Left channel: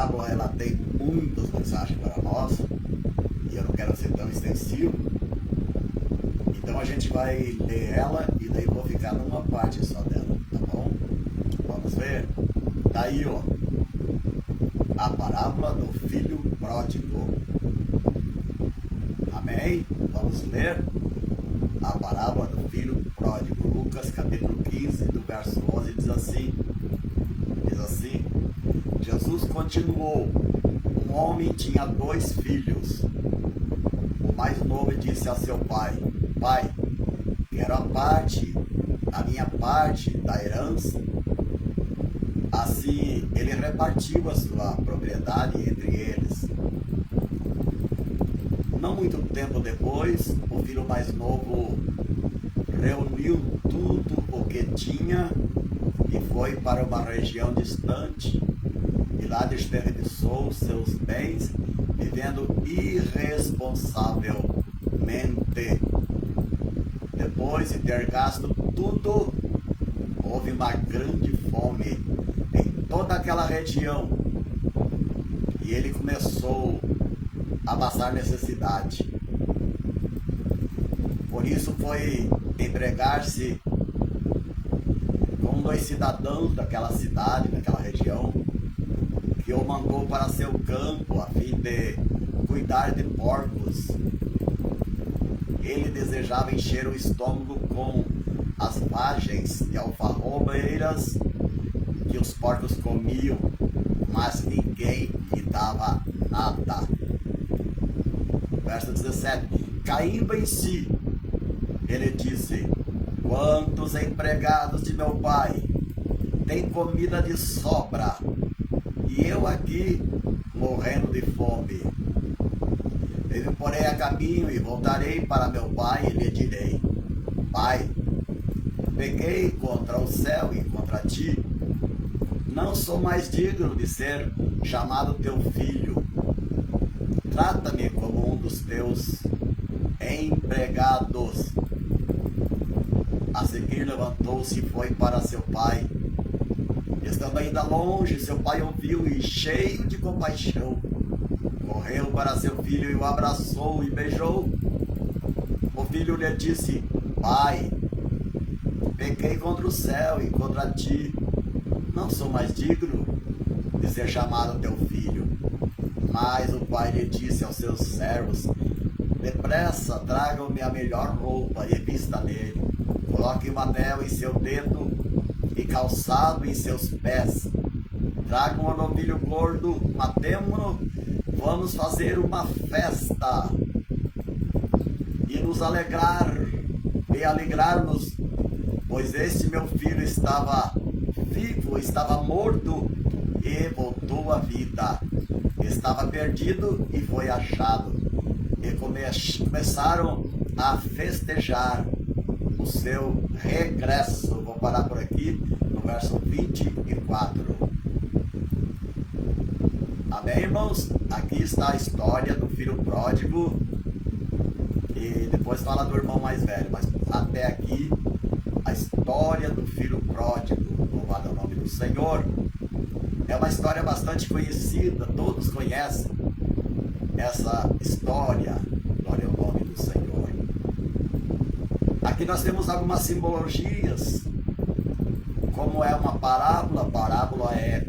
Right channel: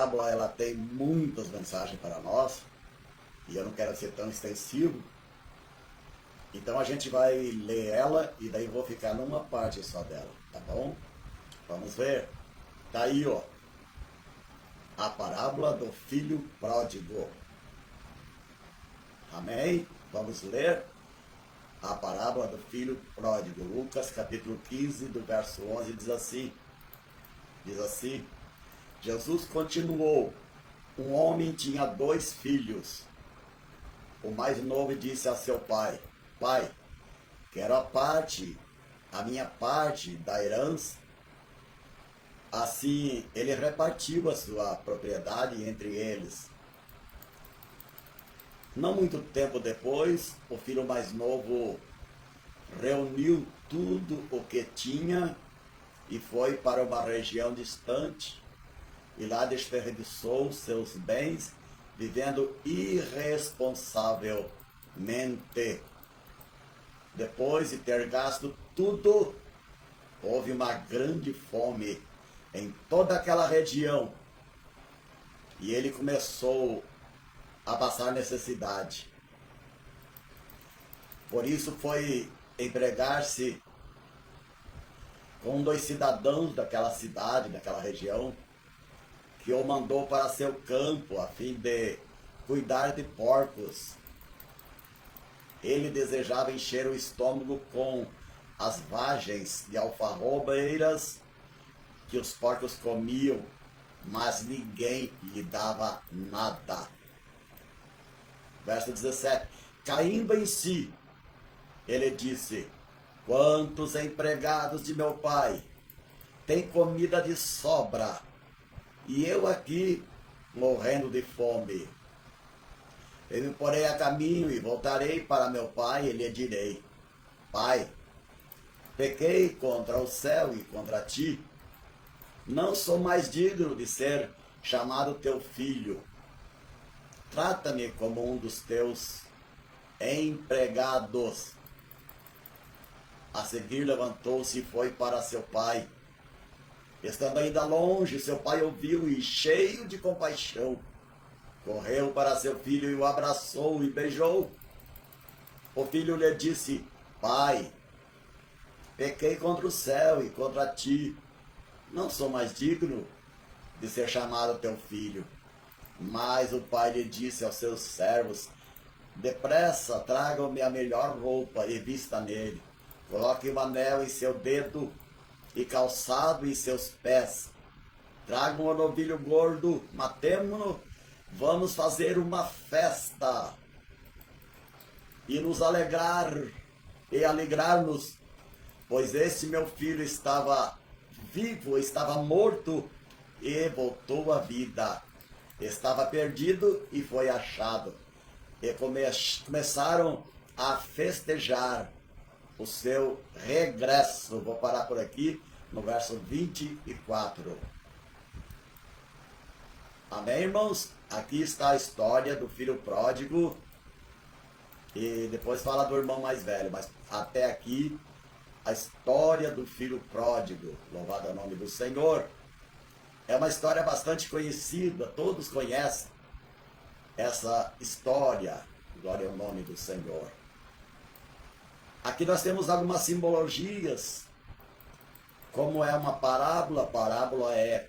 parábola ela tem muitas mensagens para nós e eu não quero ser tão extensivo. Então a gente vai ler ela e daí vou ficar numa parte só dela, tá bom? Vamos ver? Tá aí, ó, a parábola do filho pródigo. Amém? Vamos ler a parábola do filho pródigo. Lucas capítulo 15, do verso 11, diz assim, Jesus continuou, um homem tinha 2 filhos. O mais novo disse a seu pai, pai, quero a minha parte da herança. Assim ele repartiu a sua propriedade entre eles. Não muito tempo depois, o filho mais novo reuniu tudo o que tinha e foi para uma região distante, e lá desperdiçou seus bens, vivendo irresponsavelmente. Depois de ter gasto tudo, houve uma grande fome em toda aquela região, e ele começou a passar necessidade. Por isso foi empregar-se com 2 cidadãos daquela cidade, daquela região, que o mandou para seu campo a fim de cuidar de porcos. Ele desejava encher o estômago com as vagens e alfarrobeiras que os porcos comiam, mas ninguém lhe dava nada. Verso 17. Caindo em si, ele disse, quantos empregados de meu pai têm comida de sobra, e eu aqui morrendo de fome. Eu me porei a caminho e voltarei para meu pai e lhe direi, pai, pequei contra o céu e contra ti, não sou mais digno de ser chamado teu filho. Trata-me como um dos teus empregados. A seguir levantou-se e foi para seu pai. Estando ainda longe, seu pai ouviu e, cheio de compaixão, correu para seu filho e o abraçou e beijou. O filho lhe disse, pai, pequei contra o céu e contra ti, não sou mais digno de ser chamado teu filho. Mas o pai lhe disse aos seus servos, depressa, tragam-me a melhor roupa e vista nele. Coloque um anel em seu dedo e calçado em seus pés. Tragam um novilho gordo, matemo-no, vamos fazer uma festa e nos alegrar-nos, pois esse meu filho estava vivo, estava morto e voltou à vida. Estava perdido e foi achado. E começaram a festejar o seu regresso. Vou parar por aqui no verso 24. Amém, irmãos? Aqui está a história do filho pródigo. E depois fala do irmão mais velho. Mas até aqui, a história do filho pródigo. Louvado é o nome do Senhor. É uma história bastante conhecida. Todos conhecem essa história. Glória ao nome do Senhor. Aqui nós temos algumas simbologias. Como é uma parábola é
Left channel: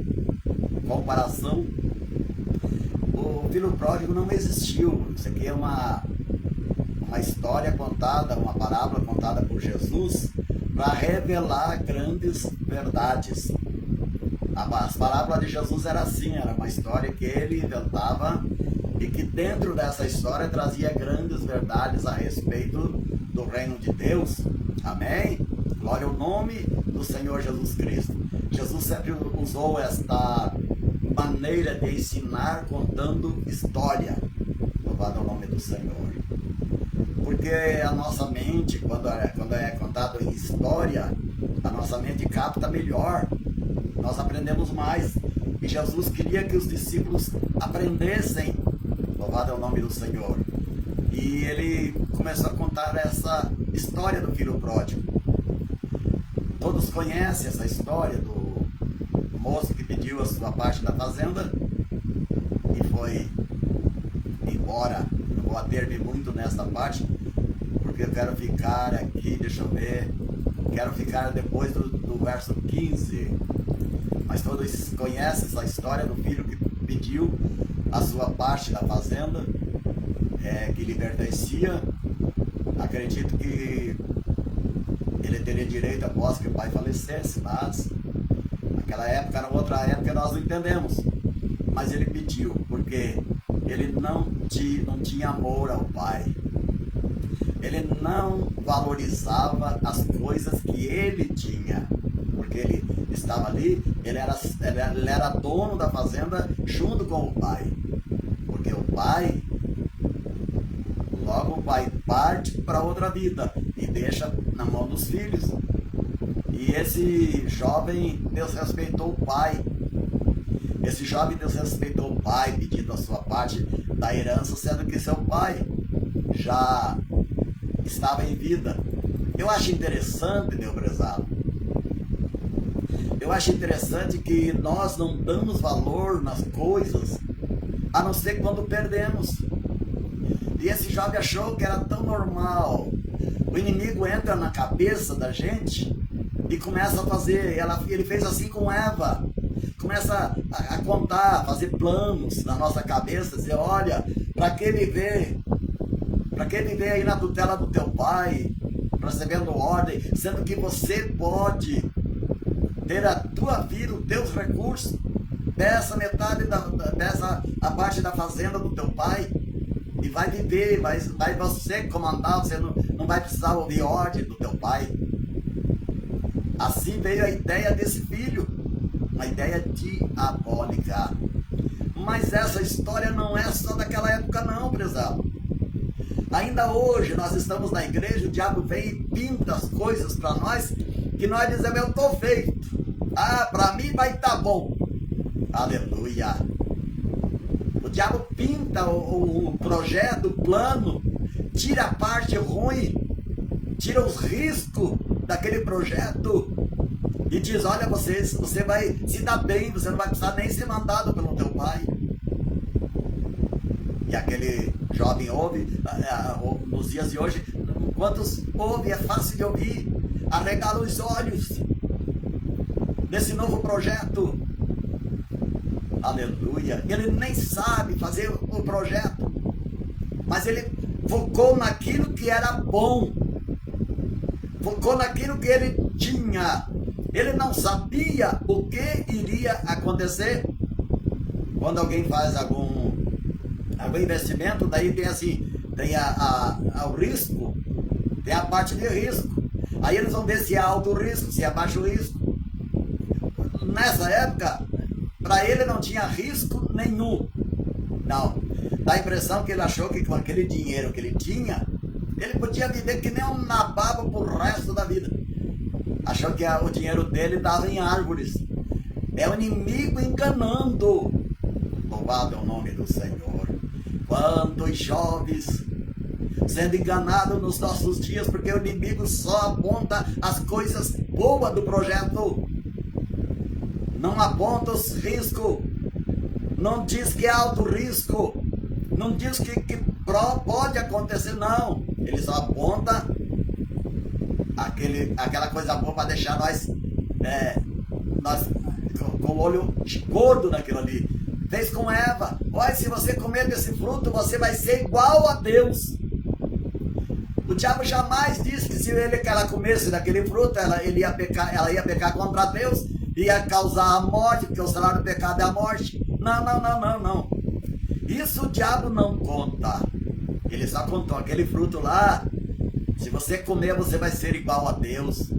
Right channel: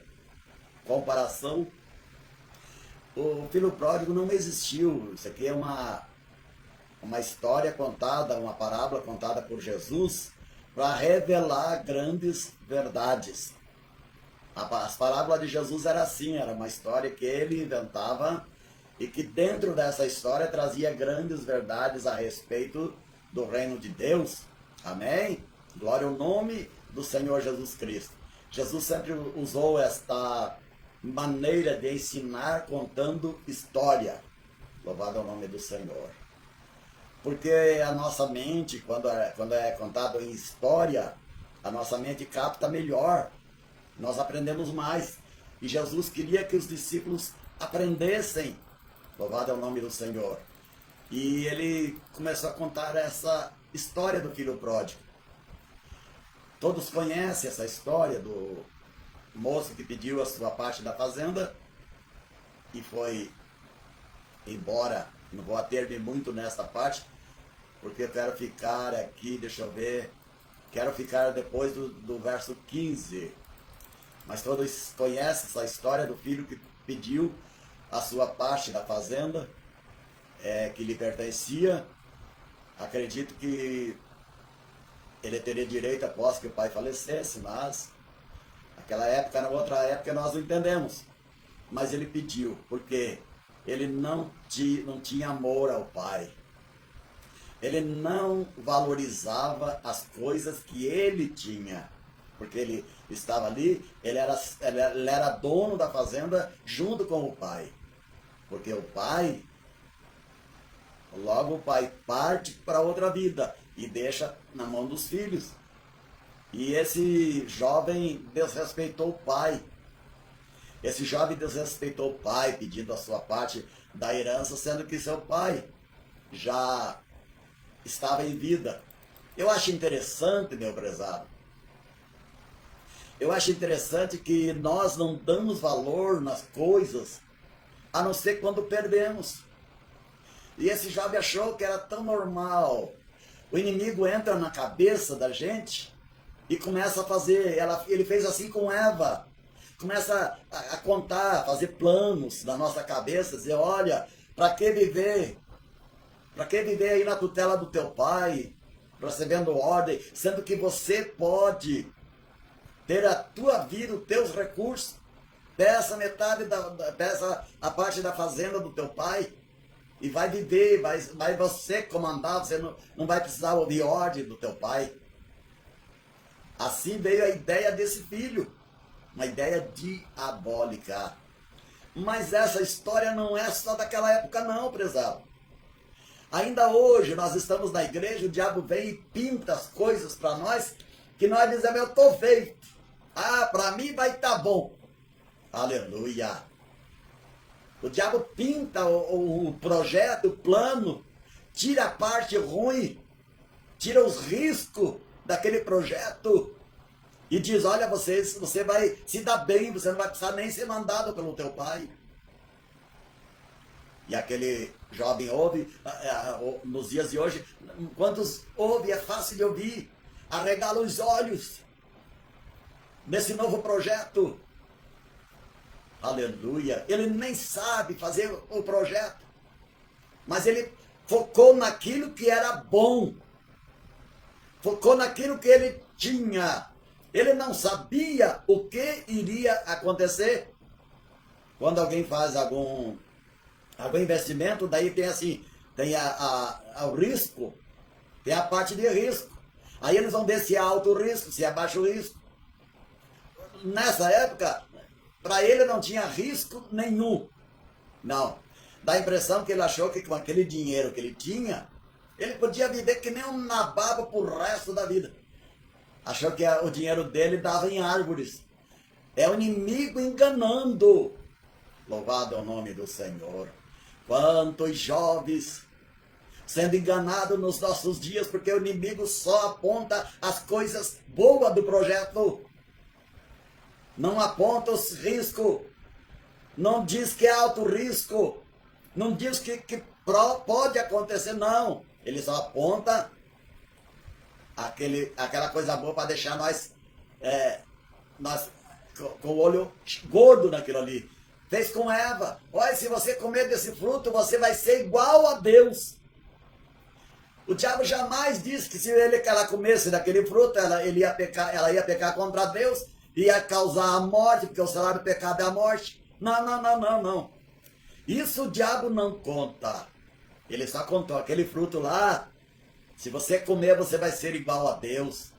comparação. O filho pródigo não existiu. Isso aqui é uma história contada, uma parábola contada por Jesus para revelar grandes verdades. As parábolas de Jesus era assim, era uma história que ele inventava e que dentro dessa história trazia grandes verdades a respeito do reino de Deus. Amém? Glória ao nome do Senhor Jesus Cristo. Jesus sempre usou esta maneira de ensinar contando história. Louvado ao nome do Senhor. Porque a nossa mente, quando é contado em história, a nossa mente capta melhor. Nós aprendemos mais. E Jesus queria que os discípulos aprendessem. Louvado é o nome do Senhor. E ele começou a contar essa história do filho pródigo. Todos conhecem essa história do moço que pediu a sua parte da fazenda e foi embora. Não vou ater-me muito nessa parte, porque eu quero ficar aqui, deixa eu ver, quero ficar depois do verso 15. Mas todos conhecem essa história do filho que pediu a sua parte da fazenda, que lhe pertencia. Acredito que ele teria direito após que o pai falecesse, mas naquela época, na outra época, nós não entendemos. Mas ele pediu, porque ele não tinha amor ao pai. Ele não valorizava as coisas que ele tinha, porque ele estava ali, ele era dono da fazenda junto com o pai. Porque o pai, logo o pai parte para outra vida e deixa na mão dos filhos. E esse jovem desrespeitou o pai. Esse jovem desrespeitou o pai, pedindo a sua parte da herança, sendo que seu pai já estava em vida. Eu acho interessante, meu prezado, eu acho interessante que nós não damos valor nas coisas, a não ser quando perdemos. E esse jovem achou que era tão normal. O inimigo entra na cabeça da gente e começa a fazer, ele fez assim com Eva, começa a contar, fazer planos na nossa cabeça, dizer, olha, para que viver? Para que viver aí na tutela do teu pai, recebendo ordem, sendo que você pode ter a tua vida, os teus recursos, peça metade, peça a parte da fazenda do teu pai, e vai viver, vai você comandar, você não vai precisar ouvir ordem do teu pai. Assim veio a ideia desse filho, uma ideia diabólica. Mas essa história não é só daquela época não, prezado. Ainda hoje nós estamos na igreja, o diabo vem e pinta as coisas para nós, que nós dizemos, eu estou feito. Ah, para mim vai estar bom. Aleluia. O diabo pinta o projeto, o plano, tira a parte ruim, tira os riscos daquele projeto e diz, olha, você vai se dar bem, você não vai precisar nem ser mandado pelo teu pai. E aquele jovem ouve, nos dias de hoje, quantos ouve, é fácil de ouvir, arregala os olhos nesse novo projeto. Aleluia. Ele nem sabe fazer o projeto, mas ele focou naquilo que era bom, focou naquilo que ele tinha. Ele não sabia o que iria acontecer. Quando alguém faz algum investimento, daí tem assim, tem o risco, tem a parte de risco. Aí eles vão ver se é alto risco, se é baixo risco. Nessa época, para ele não tinha risco nenhum. Não. Dá a impressão que ele achou que com aquele dinheiro que ele tinha, ele podia viver que nem um nababo pro resto da vida. Achou que o dinheiro dele estava em árvores. É o inimigo enganando. Louvado é o nome do Senhor. Quantos jovens sendo enganados nos nossos dias, porque o inimigo só aponta as coisas boas do projeto. Não aponta os riscos. Não diz que é alto risco. Não diz que pode acontecer, não. Ele só aponta aquela coisa boa para deixar nós com o olho gordo naquilo ali. Fez com Eva. Olha, se você comer desse fruto, você vai ser igual a Deus. O diabo jamais disse que se ela comesse daquele fruto, ela ia pecar contra Deus, ia causar a morte, porque o salário do pecado é a morte. Não. Isso o diabo não conta. Ele só contou aquele fruto lá. Se você comer, você vai ser igual a Deus.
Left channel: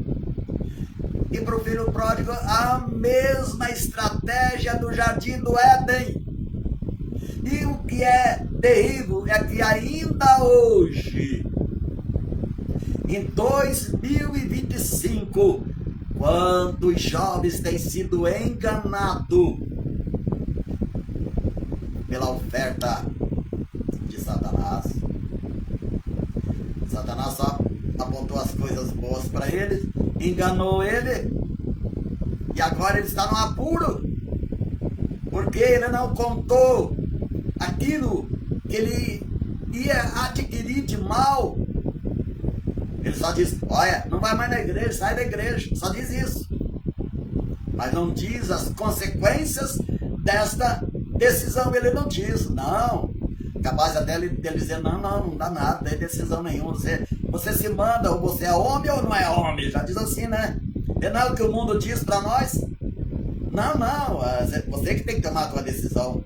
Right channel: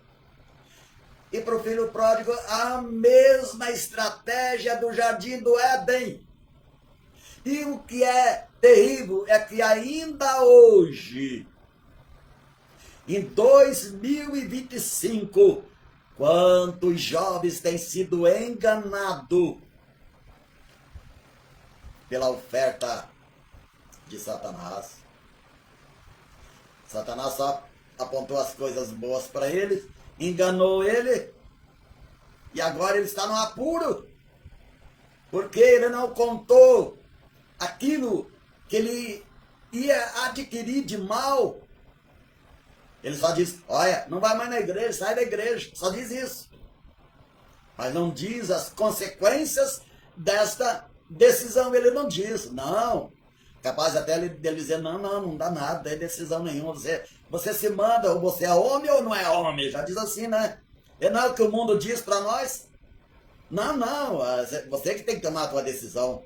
E para o filho pródigo, a mesma estratégia do jardim do Éden. E o que é terrível é que ainda hoje, em 2025, quantos jovens têm sido enganados pela oferta de Satanás. Satanás só apontou as coisas boas para ele, enganou ele, e agora ele está no apuro, porque ele não contou aquilo que ele ia adquirir de mal. Ele só diz, olha, não vai mais na igreja, sai da igreja, só diz isso. Mas não diz as consequências desta decisão, ele não diz, não. Capaz até dele dizer, não dá nada, não tem decisão nenhuma, você se manda, ou você é homem ou não é homem, já diz assim, né? É não é o que o mundo diz para nós? Não, você que tem que tomar a tua decisão.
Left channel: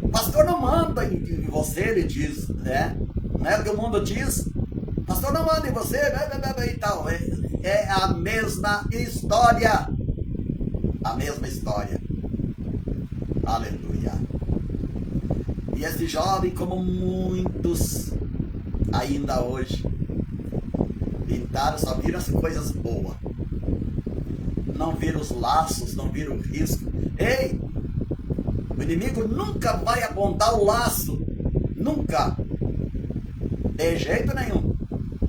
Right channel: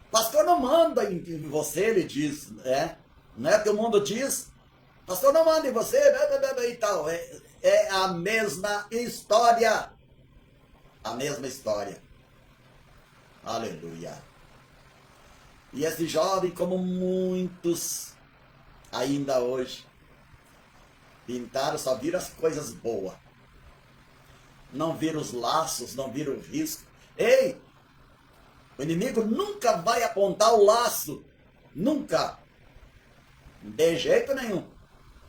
O pastor não manda em você, ele diz, né? Não é o que o mundo diz? O pastor não manda em você, e tal. É a mesma história. A mesma história. Aleluia. E esse jovem, como muitos ainda hoje, pintaram, só viram as coisas boas. Não viram os laços, não viram o risco. Ei! O inimigo nunca vai apontar o laço. Nunca. De jeito nenhum.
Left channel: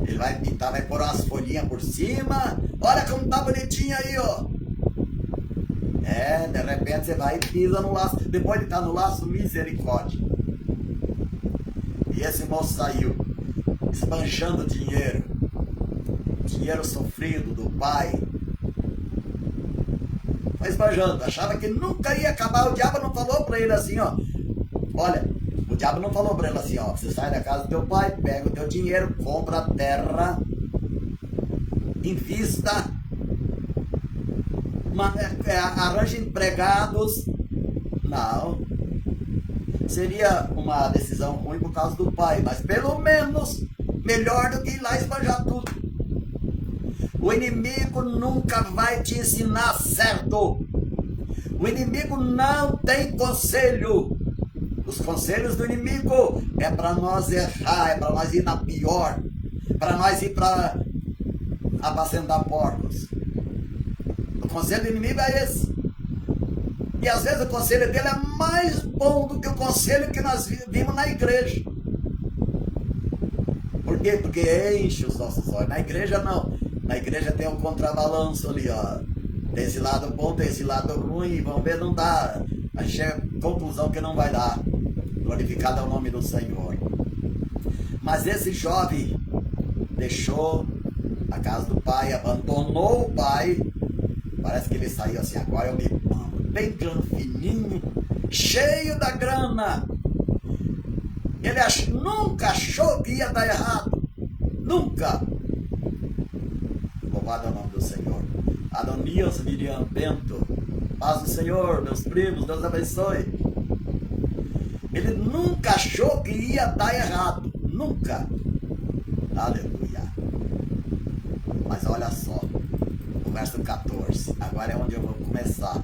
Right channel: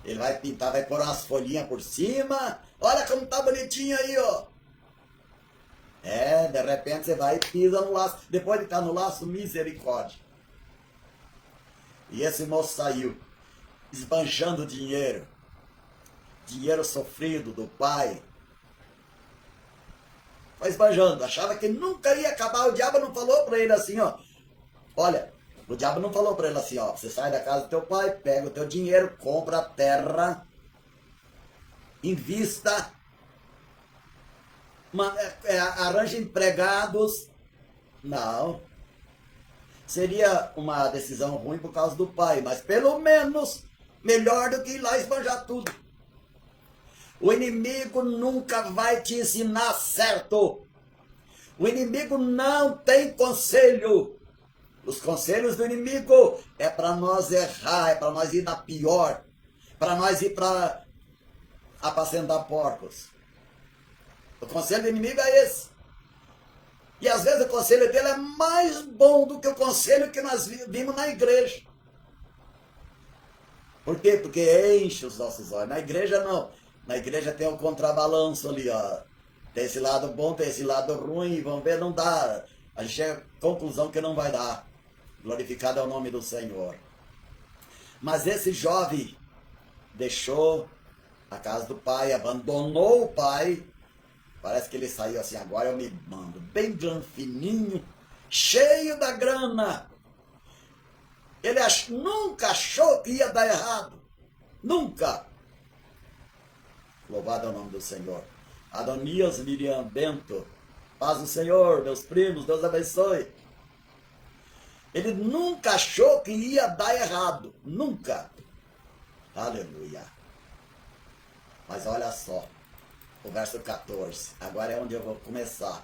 Ele vai pintar, vai pôr umas folhinhas por cima. Olha como tá bonitinho aí, ó. De repente você vai e pisa no laço. Depois de estar no laço, misericórdia. E esse moço saiu esbanjando dinheiro. Dinheiro sofrido do pai. Foi esbanjando. Achava que nunca ia acabar. O diabo não falou para ele assim, ó. Olha, o diabo não falou para ele assim, ó. Você sai da casa do teu pai, pega o teu dinheiro, compra a terra, invista, arranja empregados. Não. Seria uma decisão ruim por causa do pai, mas pelo menos melhor do que ir lá esbanjar tudo. O inimigo nunca vai te ensinar certo. O inimigo não tem conselho. Os conselhos do inimigo é para nós errar, é para nós ir na pior, para nós ir para apacentar porcos. O conselho do inimigo é esse. E às vezes o conselho dele é mais bom do que o conselho que nós vimos na igreja. Por quê? Porque enche os nossos olhos. Na igreja não. Na igreja tem um contrabalanço ali, ó. Tem esse lado bom, tem esse lado ruim. Vamos ver, não dá. A gente chega à conclusão que não vai dar. Glorificado é o nome do Senhor. Mas esse jovem deixou a casa do pai, abandonou o pai. Parece que ele saiu assim, agora eu me mando. Bem fininho, cheio da grana. Ele nunca achou que ia dar errado. Nunca. Louvado é o nome do Senhor. Adonias Miriam Bento. Paz do Senhor, meus primos, Deus abençoe. Ele nunca achou que ia dar errado. Nunca. Aleluia. Mas olha só. O verso 14. Agora é onde eu vou começar.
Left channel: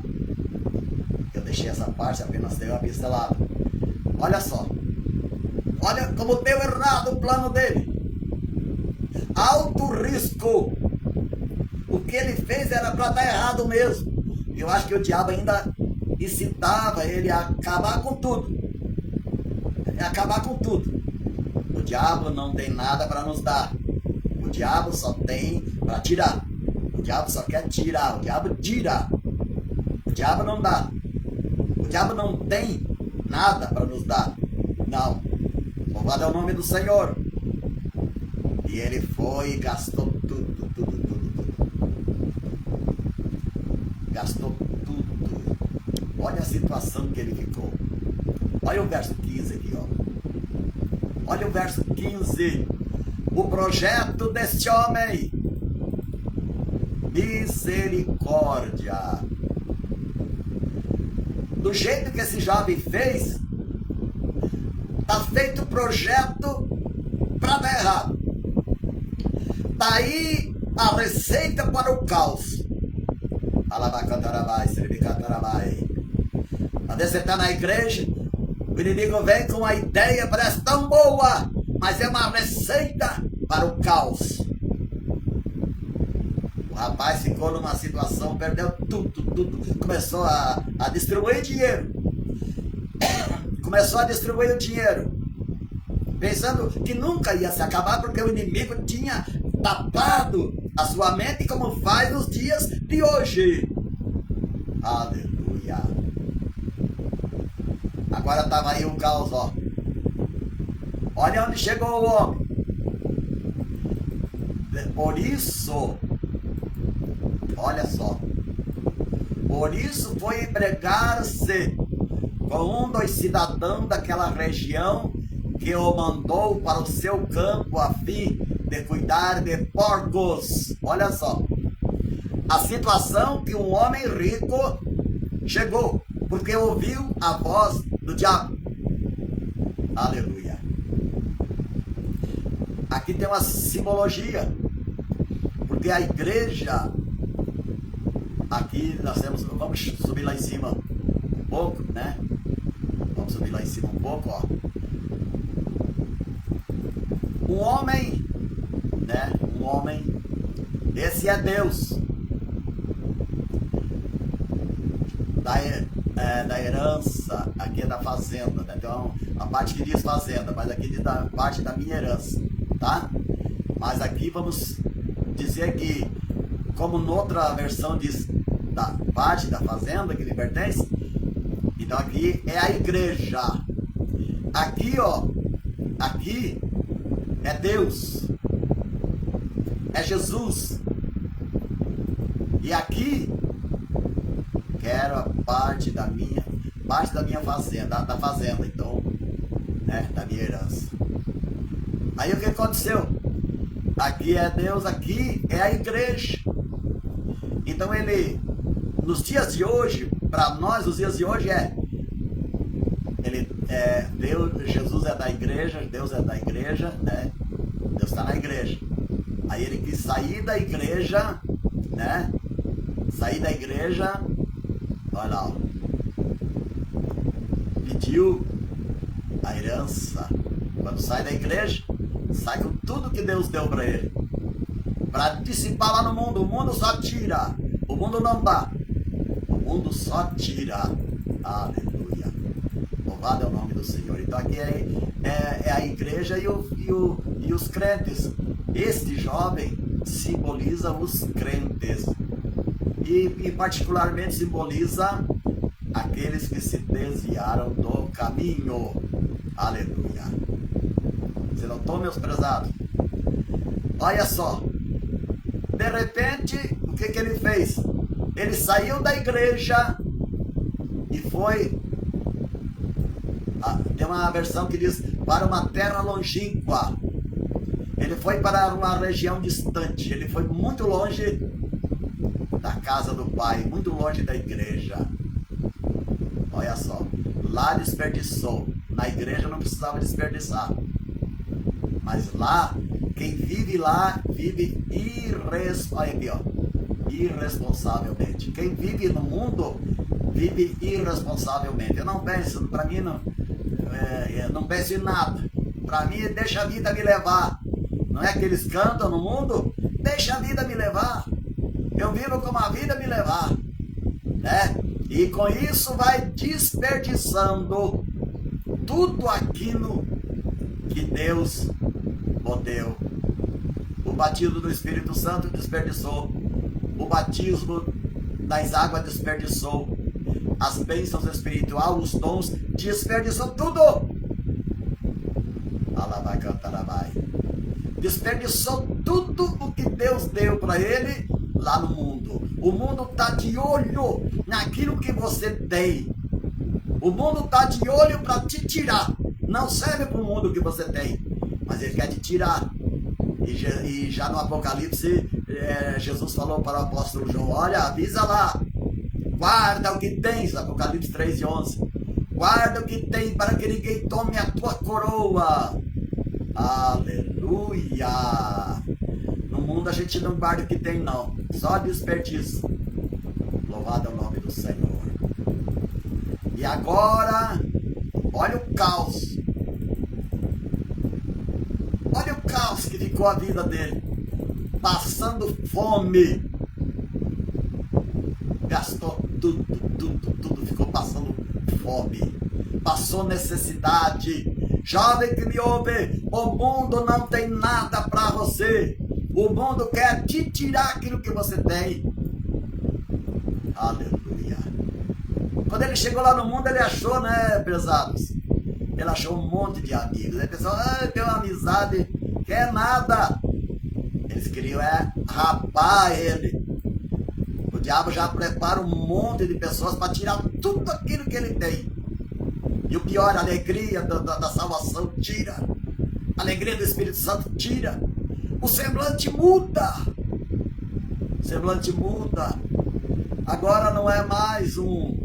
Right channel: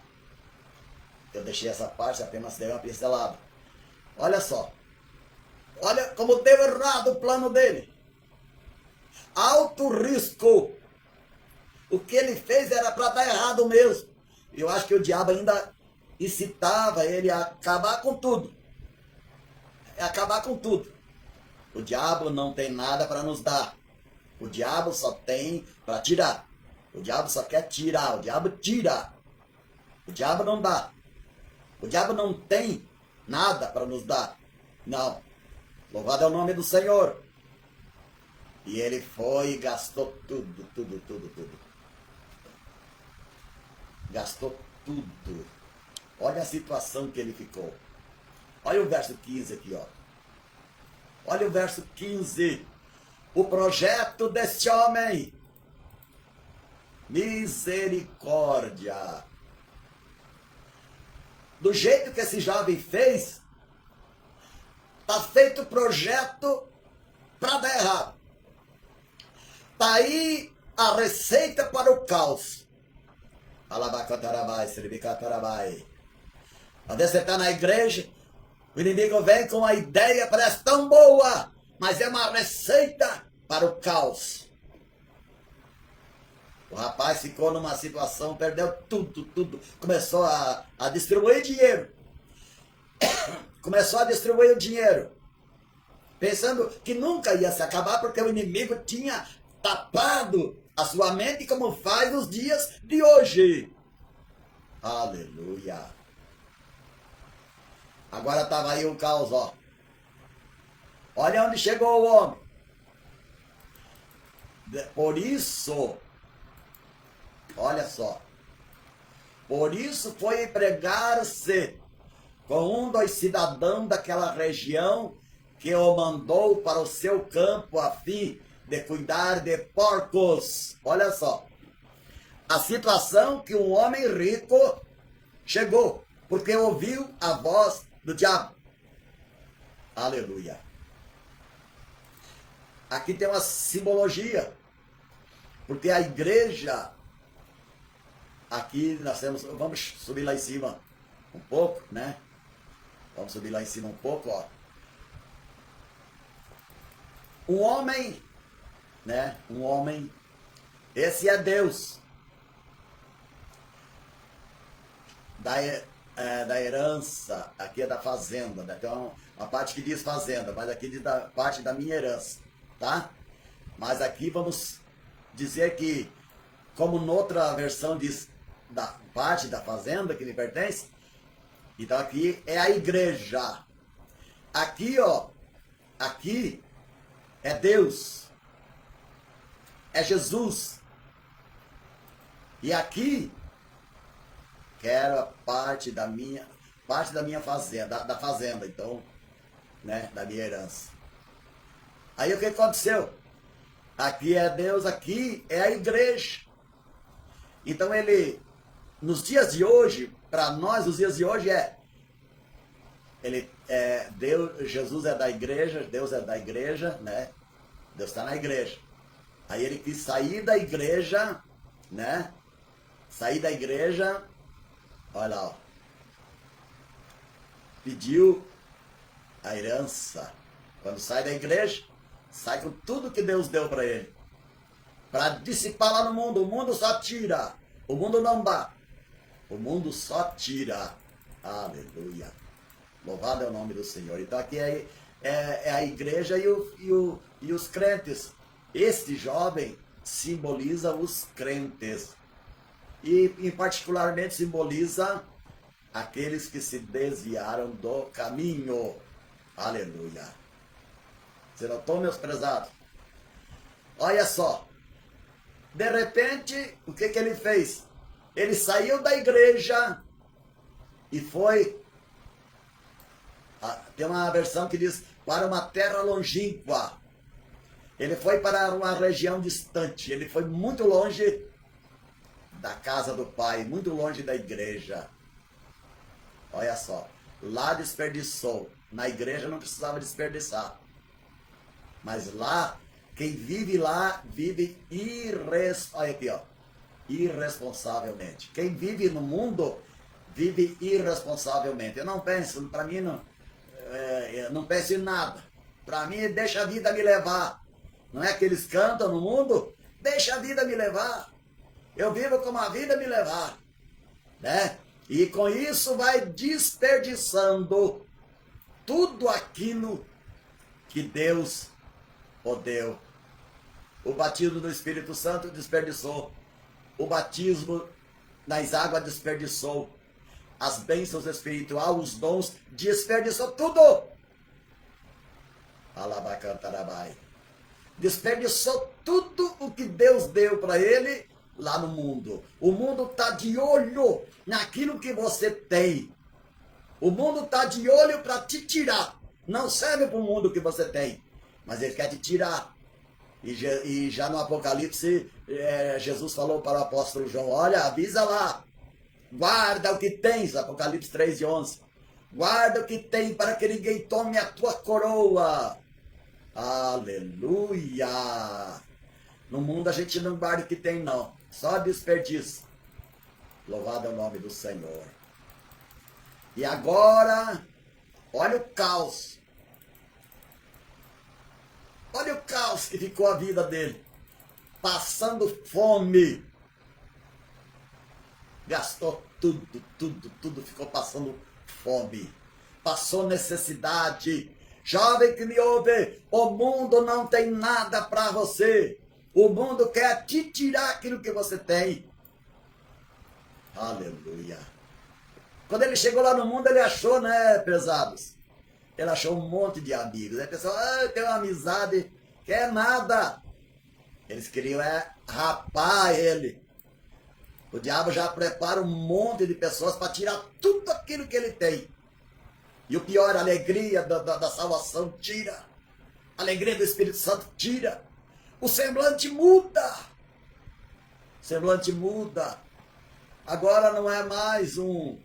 Eu deixei essa parte, apenas dei uma pincelada. Olha só. Olha como deu errado o plano dele. Alto risco. O que ele fez era para dar errado mesmo. Eu acho que o diabo ainda incitava ele a acabar com tudo. Acabar com tudo. O diabo não tem nada para nos dar. O diabo só tem para tirar. O diabo só quer tirar. O diabo tira. O diabo não dá. O diabo não tem nada para nos dar. Não. Louvado é o nome do Senhor. E ele foi e gastou tudo. Gastou tudo. Olha a situação que ele ficou. Olha o verso 15 aqui, ó. Olha o verso 15. O projeto deste homem. Misericórdia. Do jeito que esse jovem fez, está feito o projeto para dar errado. Daí a receita para o caos. Alabacantarabai, seribicantarabai. Às vezes você está na igreja, o inimigo vem com uma ideia, parece tão boa, mas é uma receita para o caos. O rapaz ficou numa situação, perdeu tudo. Começou a distribuir dinheiro. Começou a distribuir o dinheiro. Pensando que nunca ia se acabar, porque o inimigo tinha tapado a sua mente como faz nos dias de hoje. Aleluia. Agora estava aí o caos, ó. Olha onde chegou o homem. Por isso, olha só. Por isso foi empregar-se com um dos cidadãos daquela região que o mandou para o seu campo a fim de cuidar de porcos. Olha só. A situação que um homem rico chegou, porque ouviu a voz do diabo. Aleluia. Aqui tem uma simbologia, porque a igreja, aqui nós temos, vamos subir lá em cima um pouco, né? Vamos subir lá em cima um pouco, ó. Um homem, né? Um homem, esse é Deus. Da herança, aqui é da fazenda, né? Tem uma parte que diz fazenda, mas aqui diz da parte da minha herança, tá? Mas aqui vamos dizer que, como noutra versão diz da parte da fazenda que lhe pertence, então aqui é a igreja. Aqui, ó, aqui é Deus, é Jesus. E aqui quero a parte da minha fazenda, da fazenda, então, né, da minha herança. Aí o que aconteceu? Aqui é Deus, aqui é a igreja. Então ele, nos dias de hoje, para nós, os dias de hoje Deus, Jesus é da igreja, Deus é da igreja, né? Deus está na igreja. Aí ele quis sair da igreja, né? Sair da igreja. Olha lá, ó. Pediu a herança. Quando sai da igreja, sai com tudo que Deus deu para ele. Para dissipar lá no mundo. O mundo só tira. O mundo não dá. O mundo só tira. Aleluia. Louvado é o nome do Senhor. Então aqui é a igreja e os crentes. Este jovem simboliza os crentes. E particularmente simboliza aqueles que se desviaram do caminho. Aleluia. Você notou, meus prezados? Olha só. De repente, o que ele fez? Ele saiu da igreja e foi... Tem uma versão que diz, para uma terra longínqua. Ele foi para uma região distante. Ele foi muito longe da casa do Pai, muito longe da igreja. Olha só, lá desperdiçou. Na igreja não precisava desperdiçar. Mas lá, quem vive lá, vive irresponsavelmente. Quem vive no mundo, vive irresponsavelmente. Eu não penso, para mim, não penso em nada. Para mim, deixa a vida me levar. Não é que eles cantam no mundo? Deixa a vida me levar. Eu vivo como a vida me levar, né? E com isso vai desperdiçando tudo aquilo que Deus o deu. O batismo do Espírito Santo desperdiçou. O batismo das águas desperdiçou. As bênçãos espirituais, os dons, desperdiçou tudo. Alabai, cantarabai. Desperdiçou tudo o que Deus deu para ele lá no mundo. O mundo está de olho naquilo que você tem. O mundo está de olho para te tirar. Não serve para o mundo que você tem, mas ele quer te tirar. E já no Apocalipse, Jesus falou para o apóstolo João, olha, avisa lá, guarda o que tens, Apocalipse 3:11. Guarda o que tem para que ninguém tome a tua coroa. Aleluia! No mundo a gente não guarda o que tem, não. Só desperdício. Louvado é o nome do Senhor. E agora, olha o caos. Olha o caos que ficou a vida dele. Passando fome. Gastou tudo. Ficou passando fome. Passou necessidade. Jovem que me ouve, o mundo não tem nada para você. O mundo quer te tirar aquilo que você tem. Aleluia. Quando ele chegou lá no mundo, ele achou, né, pesados? Ele achou um monte de amigos. Aí o pessoal, tem uma amizade, quer nada. Eles queriam rapar ele. O diabo já prepara um monte de pessoas para tirar tudo aquilo que ele tem. E o pior, a alegria da salvação tira. A alegria do Espírito Santo tira. O semblante muda. O semblante muda. Agora não é mais um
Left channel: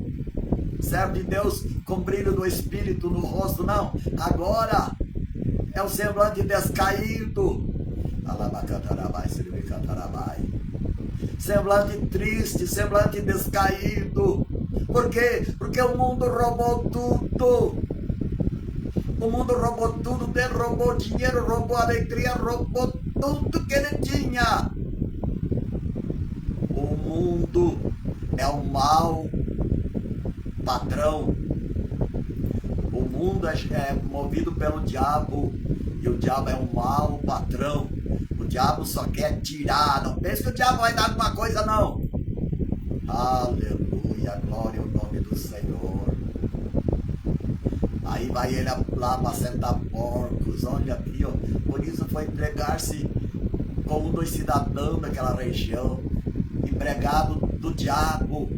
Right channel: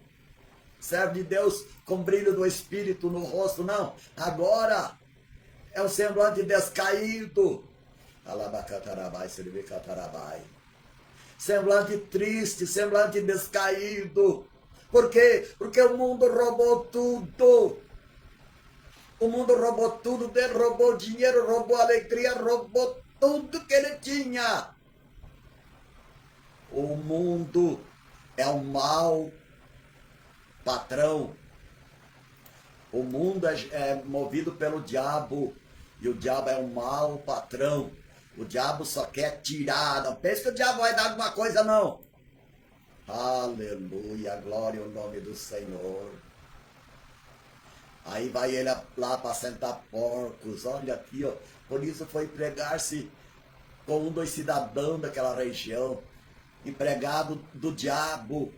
servo de Deus com brilho do Espírito no rosto, não. Agora é um semblante descaído. Alabacantarabai, siribicantarabai. Semblante triste, semblante descaído. Por quê? Porque o mundo roubou tudo. O mundo roubou tudo, roubou dinheiro, roubou alegria, roubou tudo que ele tinha. O mundo é um mau patrão. O mundo é movido pelo diabo. E o diabo é um mau patrão. O diabo só quer tirar. Não pense que o diabo vai dar alguma coisa, não. Aleluia, glória ao nome do Senhor. Aí vai ele lá para sentar porcos. Olha aqui, ó. Por isso foi empregar-se com um dos cidadãos daquela região. Empregado do diabo.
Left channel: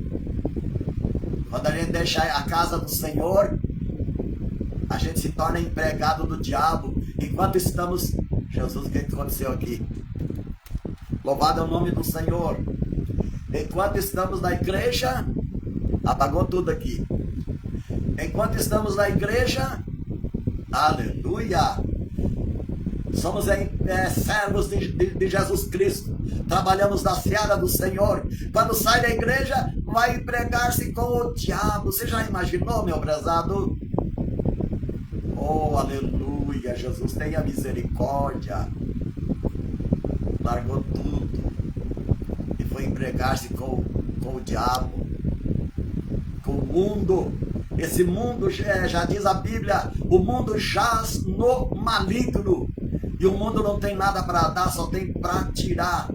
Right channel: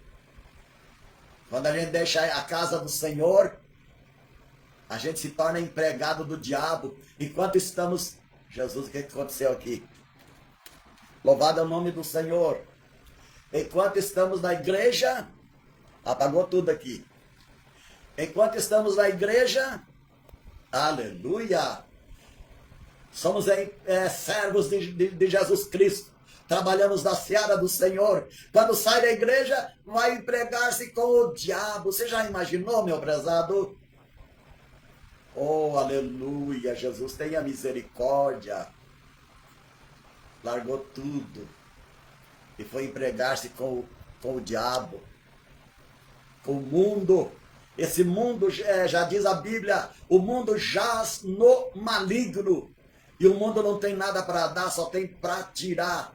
Quando a gente deixa a casa do Senhor, a gente se torna empregado do diabo. Enquanto estamos... Jesus, o que aconteceu aqui? Louvado é o nome do Senhor. Enquanto estamos na igreja, apagou tudo aqui. Enquanto estamos na igreja, aleluia, somos servos de Jesus Cristo. Trabalhamos na seara do Senhor. Quando sai da igreja, vai empregar-se com o diabo. Você já imaginou, meu prezado? Oh, aleluia, Jesus tenha misericórdia. Largou tudo e foi empregar-se com o diabo, com o mundo. Esse mundo, já diz a Bíblia, o mundo jaz no maligno. E o mundo não tem nada para dar, só tem para tirar.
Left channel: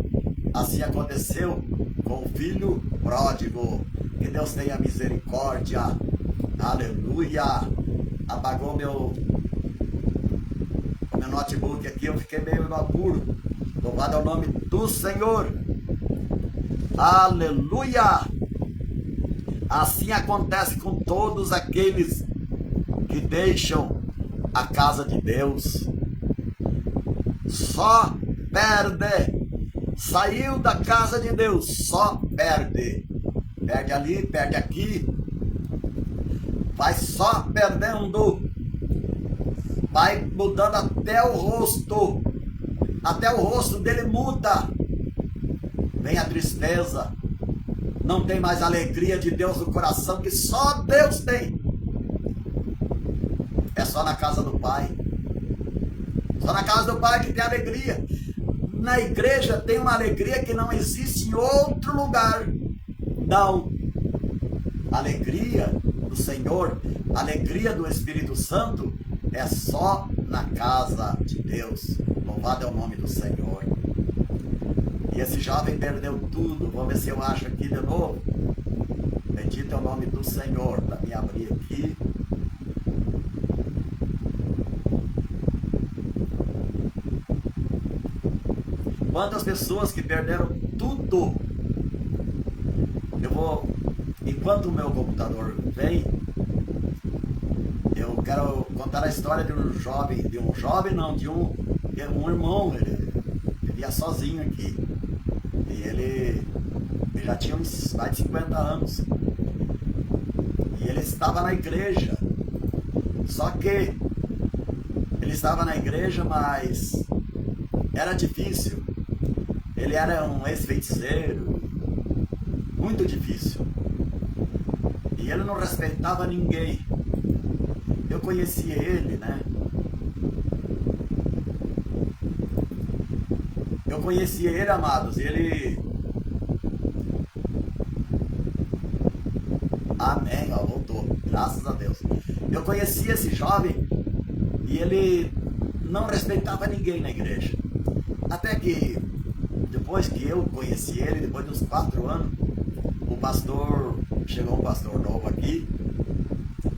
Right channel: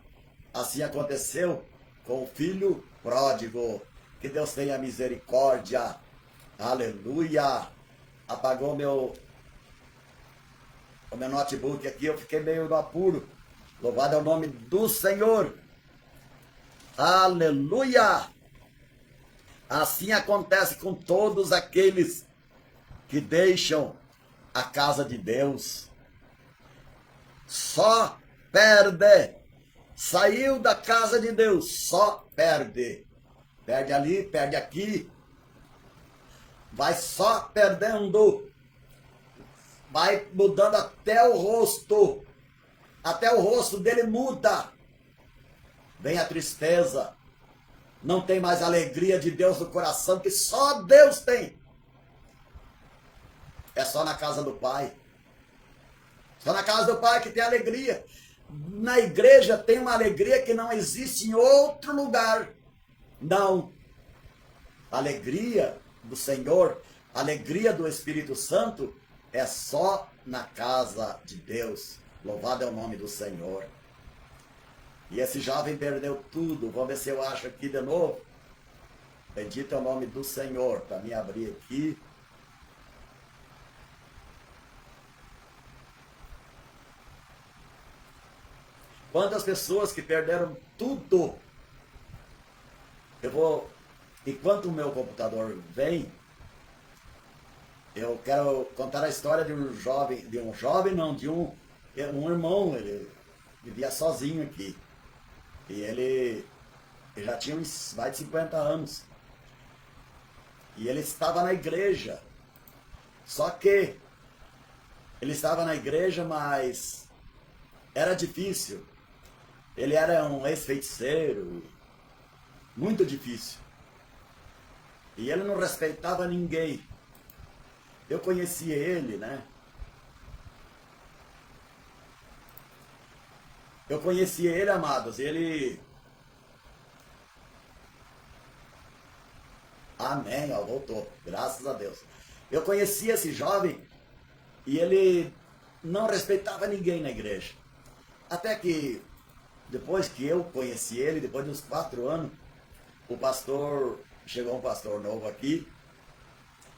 Assim aconteceu com o filho pródigo. Que Deus tenha misericórdia. Aleluia. Apagou meu notebook aqui, eu fiquei meio no apuro. Louvado é o nome do Senhor. Aleluia. Assim acontece com todos aqueles que deixam a casa de Deus. Só perde. Saiu da casa de Deus, só perde. Perde ali, perde aqui. Vai só perdendo. Vai mudando até o rosto. Até o rosto dele muda. Vem a tristeza. Não tem mais alegria de Deus no coração, que só Deus tem. É só na casa do Pai. Só na casa do Pai que tem alegria. Na igreja tem uma alegria que não existe em outro lugar. Não. Alegria do Senhor, alegria do Espírito Santo é só na casa de Deus. Louvado é o nome do Senhor. E esse jovem perdeu tudo. Vamos ver se eu acho aqui de novo. Bendito é o nome do Senhor. Para me abrir aqui. Quantas pessoas que perderam tudo. Eu vou... Enquanto o meu computador vem, eu quero contar a história de um jovem, de um irmão. Ele vivia sozinho aqui. E ele já tinha uns mais de 50 anos. E ele estava na igreja. Só que ele estava na igreja, mas era difícil. Ele era um ex-feiticeiro. Muito difícil. E ele não respeitava ninguém. Eu conhecia ele, né? Eu conhecia ele, amados. Ele... Amém, ó, voltou. Graças a Deus. Eu conhecia esse jovem e ele não respeitava ninguém na igreja. Até que, depois que eu conheci ele, depois de uns 4 anos, o pastor chegou um pastor novo aqui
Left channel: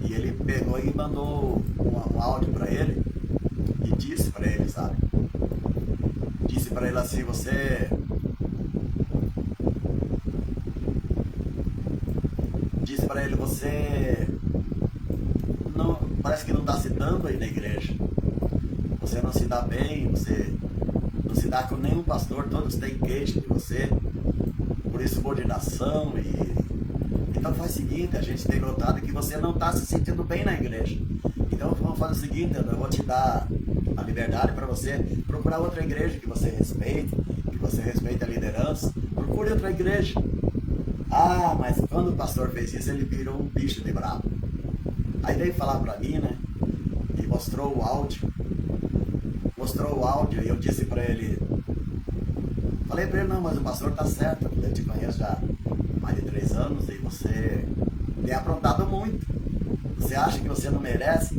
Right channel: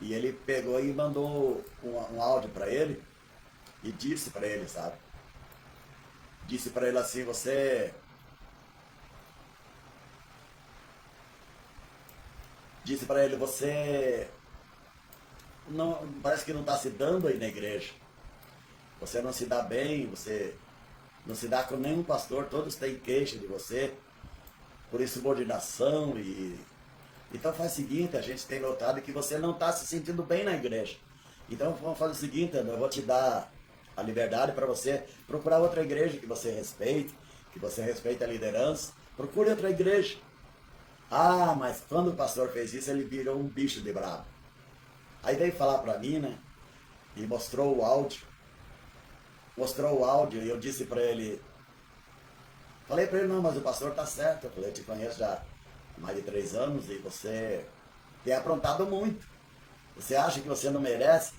e ele pegou e mandou um áudio para ele e disse para ele, sabe? Disse para ele assim, disse para ele, você não, parece que não está se dando aí na igreja. Você não se dá bem, você não se dá com nenhum pastor, todos têm queixa de você, por insubordinação Então faz o seguinte, a gente tem notado que você não está se sentindo bem na igreja. Então vamos fazer o seguinte, eu vou te dar a liberdade para você procurar outra igreja que você respeite a liderança, procure outra igreja. Ah, mas quando o pastor fez isso, ele virou um bicho de bravo. Aí veio falar para mim, né, e mostrou o áudio e eu disse para ele, falei para ele, não, mas o pastor tá certo, eu te conheço já há mais de 3 anos e você tem aprontado muito. Você acha que você não merece?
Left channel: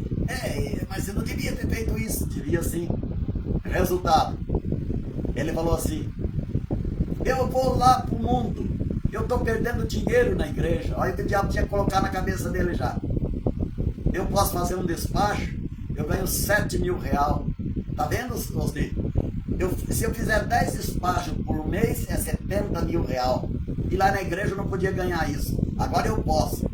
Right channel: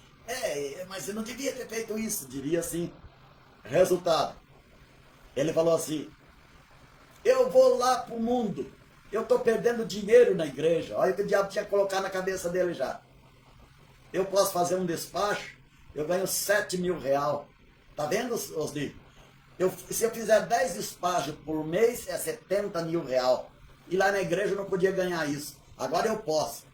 Mas você não devia ter feito isso. Devia sim. Resultado, ele falou assim, eu vou lá pro mundo, eu estou perdendo dinheiro na igreja. Olha o que o diabo tinha que colocar na cabeça dele já. Eu posso fazer um despacho, eu ganho 7 mil reais. Tá vendo, Osni? Se eu fizer 10 despachos por mês, é 70 mil reais. E lá na igreja eu não podia ganhar isso. Agora eu posso.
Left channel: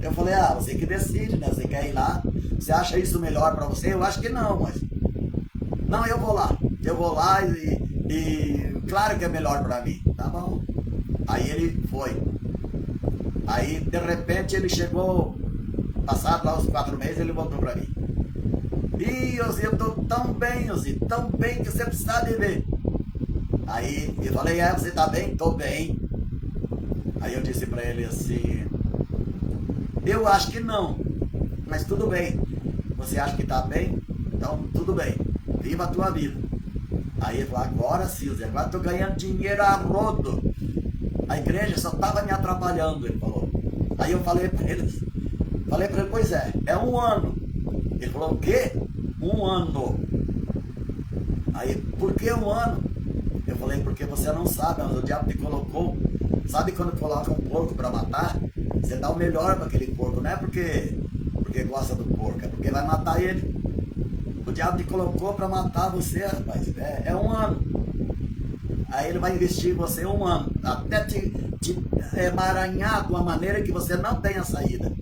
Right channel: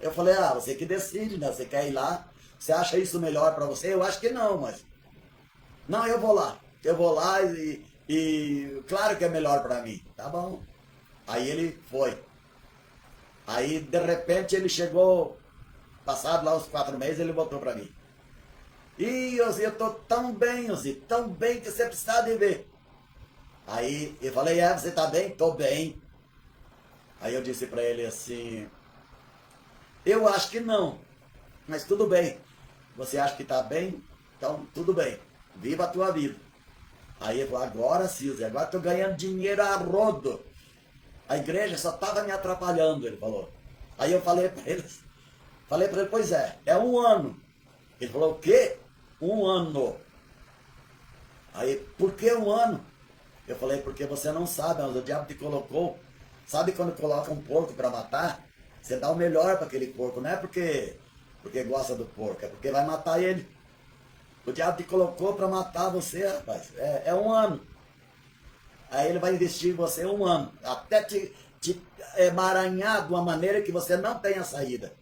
Eu falei, você que decide, né? Você quer ir lá? Você acha isso melhor para você? Eu acho que não, mas... Não, eu vou lá. Eu vou lá e claro que é melhor para mim. Tá bom. Aí ele foi. Aí, de repente, ele chegou... Passado lá os 4 meses, ele voltou para mim. Ih, Ozi, eu tô tão bem, Ozi, tão bem que você precisa de ver. Aí eu falei, você tá bem? Tô bem. Aí eu disse pra ele assim, eu acho que não, mas tudo bem. Você acha que tá bem? Então tudo bem, viva a tua vida. Aí ele falou, agora sim, Ozi, agora tô ganhando dinheiro a rodo. A igreja só tava me atrapalhando, ele falou. Aí eu falei pra ele, pois é 1 ano. Ele falou, o quê? 1 ano. Aí, por que 1 ano? Eu falei, porque você não sabe, mas o diabo te colocou. Sabe quando coloca um porco para matar? Você dá o melhor para aquele porco, não é porque gosta do porco, é porque vai matar ele. O diabo te colocou para matar você, rapaz. É 1 ano. Aí ele vai investir em você 1 ano, até te emaranhar de uma maneira que você não tenha saída.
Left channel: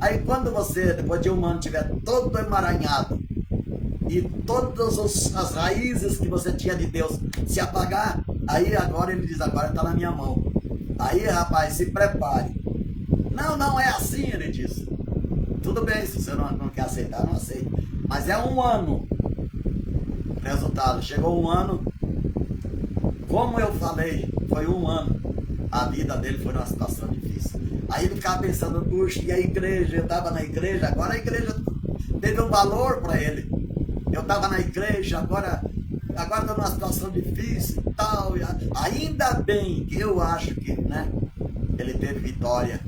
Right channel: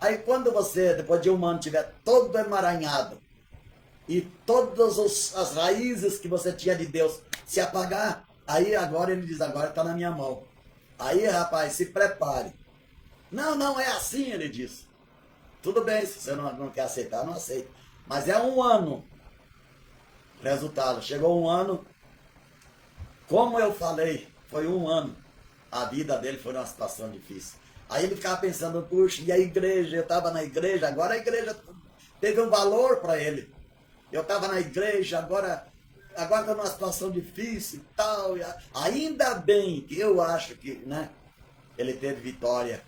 Aí quando você, depois de 1 ano, estiver todo emaranhado e todas as raízes que você tinha de Deus se apagar, aí agora ele diz, agora está na minha mão. Aí, rapaz, se prepare. Não é assim, ele disse. Tudo bem, se você não quer aceitar, não aceita. Mas é 1 ano. Resultado, chegou 1 ano, como eu falei, foi 1 ano. A vida dele foi numa situação difícil. Aí ele ficava pensando, puxa, e a igreja? Eu estava na igreja, agora a igreja teve um valor para ele. Eu estava na igreja, agora estou numa situação difícil e tal. Ainda bem que eu acho que, né, ele teve vitória.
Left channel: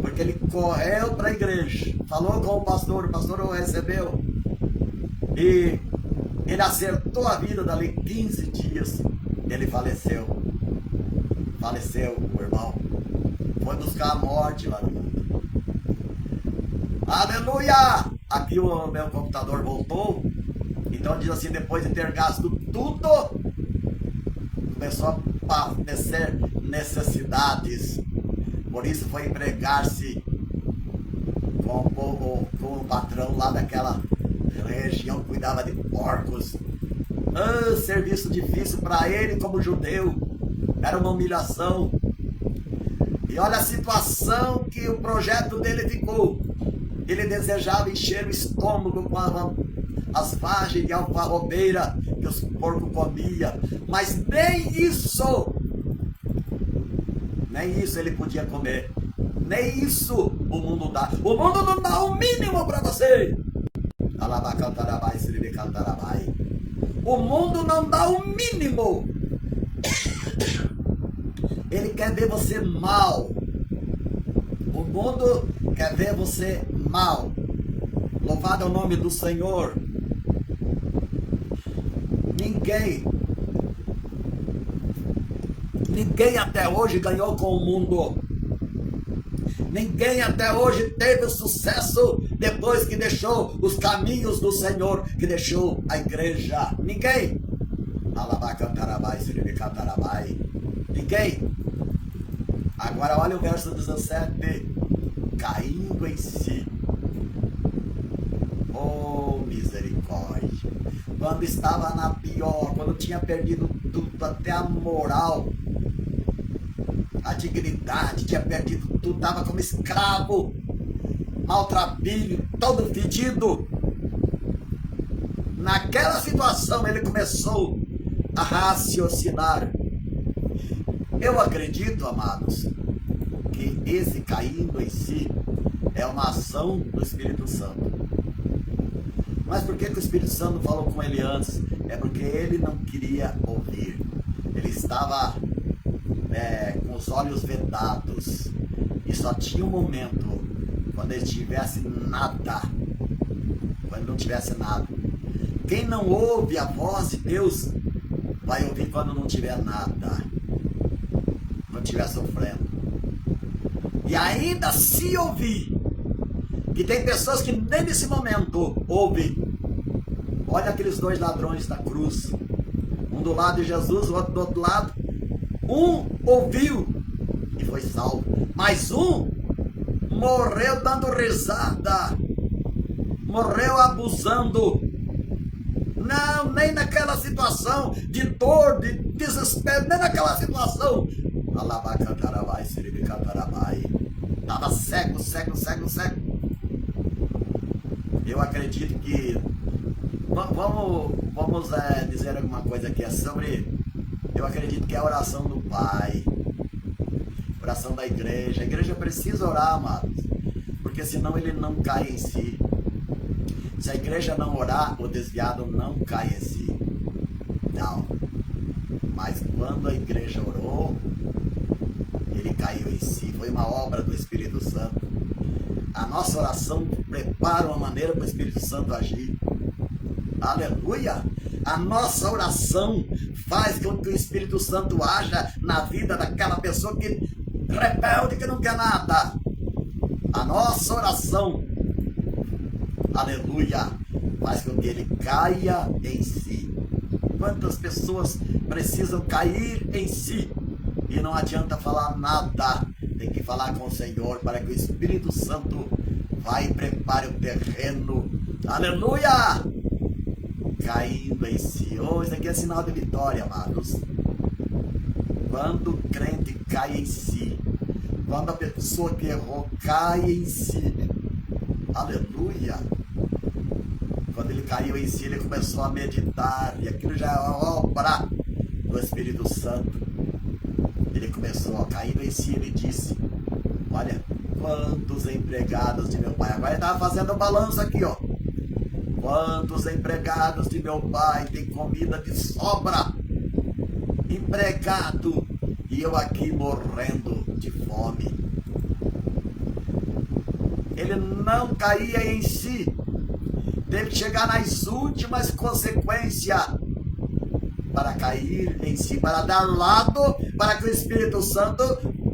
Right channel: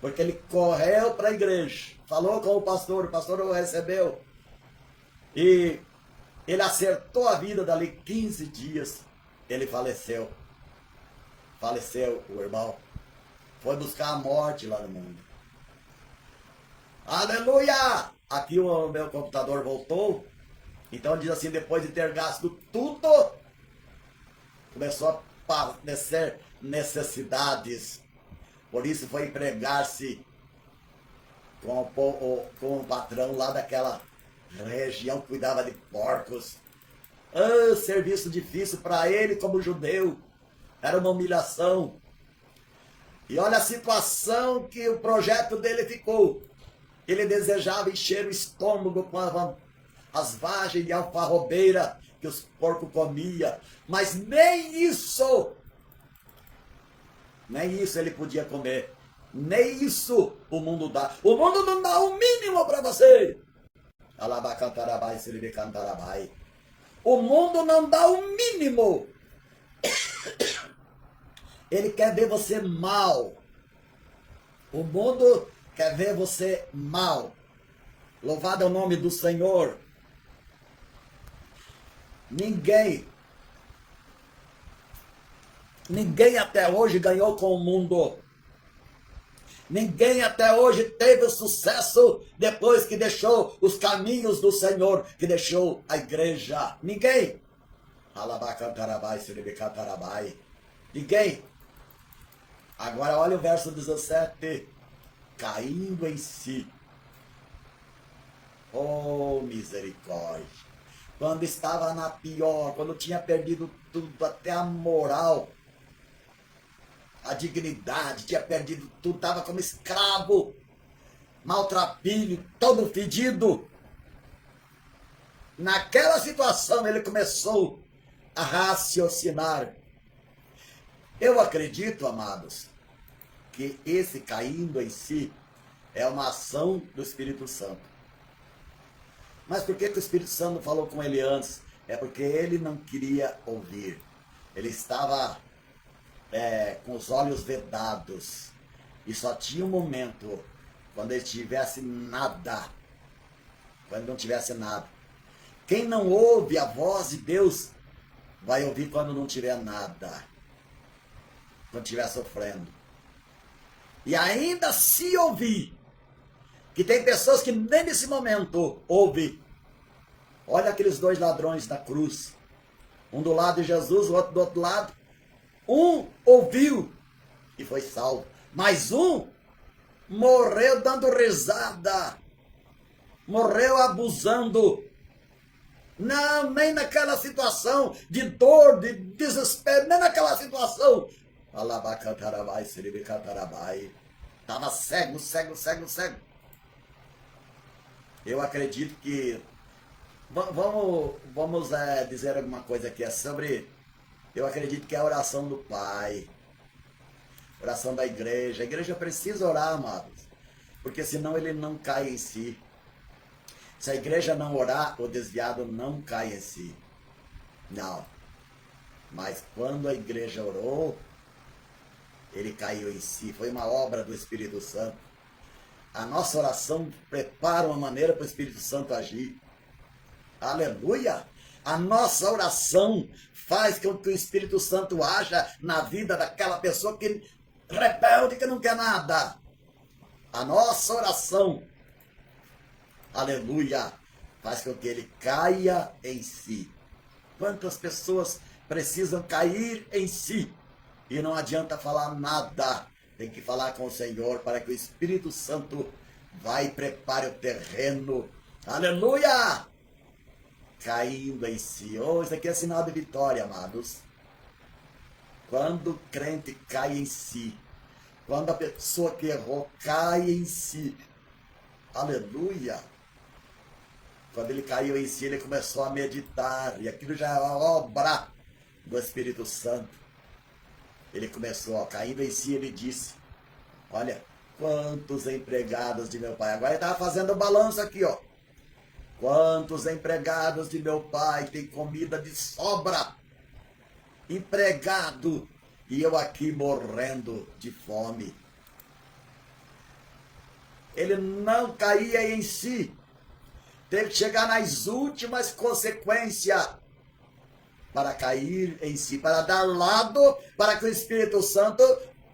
Porque ele correu para a igreja, falou com o pastor o recebeu. E ele acertou a vida dali 15 dias. Ele faleceu. Faleceu, o irmão. Foi buscar a morte lá no mundo. Aleluia! Aqui o meu computador voltou. Então diz assim, depois de ter gasto tudo, começou a padecer necessidades. Por isso foi empregar-se com o patrão lá daquela região que cuidava de porcos. Serviço difícil para ele como judeu. Era uma humilhação. E olha a situação que o projeto dele ficou. Ele desejava encher o estômago com as vagens de alfarrobeira que os porcos comiam. Mas nem isso ele podia comer. Nem isso o mundo dá. O mundo não dá o mínimo para você. O mundo não dá o mínimo. Ele quer ver você mal. O mundo quer ver você mal. Louvado é o nome do Senhor. Ninguém até hoje ganhou com o mundo. Ninguém até hoje teve sucesso depois que deixou os caminhos do Senhor, que deixou a igreja. Ninguém. Alabacantarabai, siribicantarabai. Ninguém. Agora olha o verso 17. Caindo em si. Oh, misericórdia. Quando estava na pior, quando tinha perdido tudo, até a moral, a dignidade, tinha perdido tudo, estava como escravo, maltrapilho, todo fedido. Naquela situação ele começou a raciocinar. Eu acredito, amados, que esse caindo em si é uma ação do Espírito Santo. Mas por que o Espírito Santo falou com ele antes? É porque ele não queria ouvir. Ele estava com os olhos vedados. E só tinha um momento quando ele tivesse nada. Quando não tivesse nada. Quem não ouve a voz de Deus vai ouvir quando não tiver nada. Não estiver sofrendo. E ainda se ouvir, que tem pessoas que nem nesse momento ouvem. Olha aqueles dois ladrões da cruz. Um do lado de Jesus, o outro do outro lado. Um ouviu e foi salvo. Mas um morreu dando risada. Morreu abusando. Não, nem naquela situação de dor, de desespero, nem naquela situação. Alabacantarabai, siribicantarabai. Estava cego. Eu acredito que... Vamos dizer alguma coisa aqui. É sobre... Eu acredito que é a oração do Pai. Oração da igreja. A igreja precisa orar, amados. Porque senão ele não cai em si. Se a igreja não orar, o desviado não cai em si. Não. Mas quando a igreja orou, ele caiu em si. Foi uma obra do Espírito Santo. A nossa oração prepara uma maneira para o Espírito Santo agir. Aleluia! A nossa oração faz com que o Espírito Santo haja na vida daquela pessoa que rebelde, que não quer nada. A nossa oração, aleluia, faz com que ele caia em si. Quantas pessoas precisam cair em si e não adianta falar nada. Tem que falar com o Senhor para que o Espírito Santo vá e prepare o terreno. Aleluia! Caindo em si. Oh, isso aqui é sinal de vitória, amados. Quando o crente cai em si, quando a pessoa que errou cai em si, aleluia. Quando ele caiu em si, ele começou a meditar, e aquilo já é uma obra do Espírito Santo. Ele começou a cair em si, ele disse: olha, quantos empregados de meu pai, agora ele estava fazendo o balanço aqui, ó. Quantos empregados de meu pai têm comida de sobra, empregado, e eu aqui morrendo de fome. Ele não caía em si, teve que chegar nas últimas consequências para cair em si, para dar lado, para que o Espírito Santo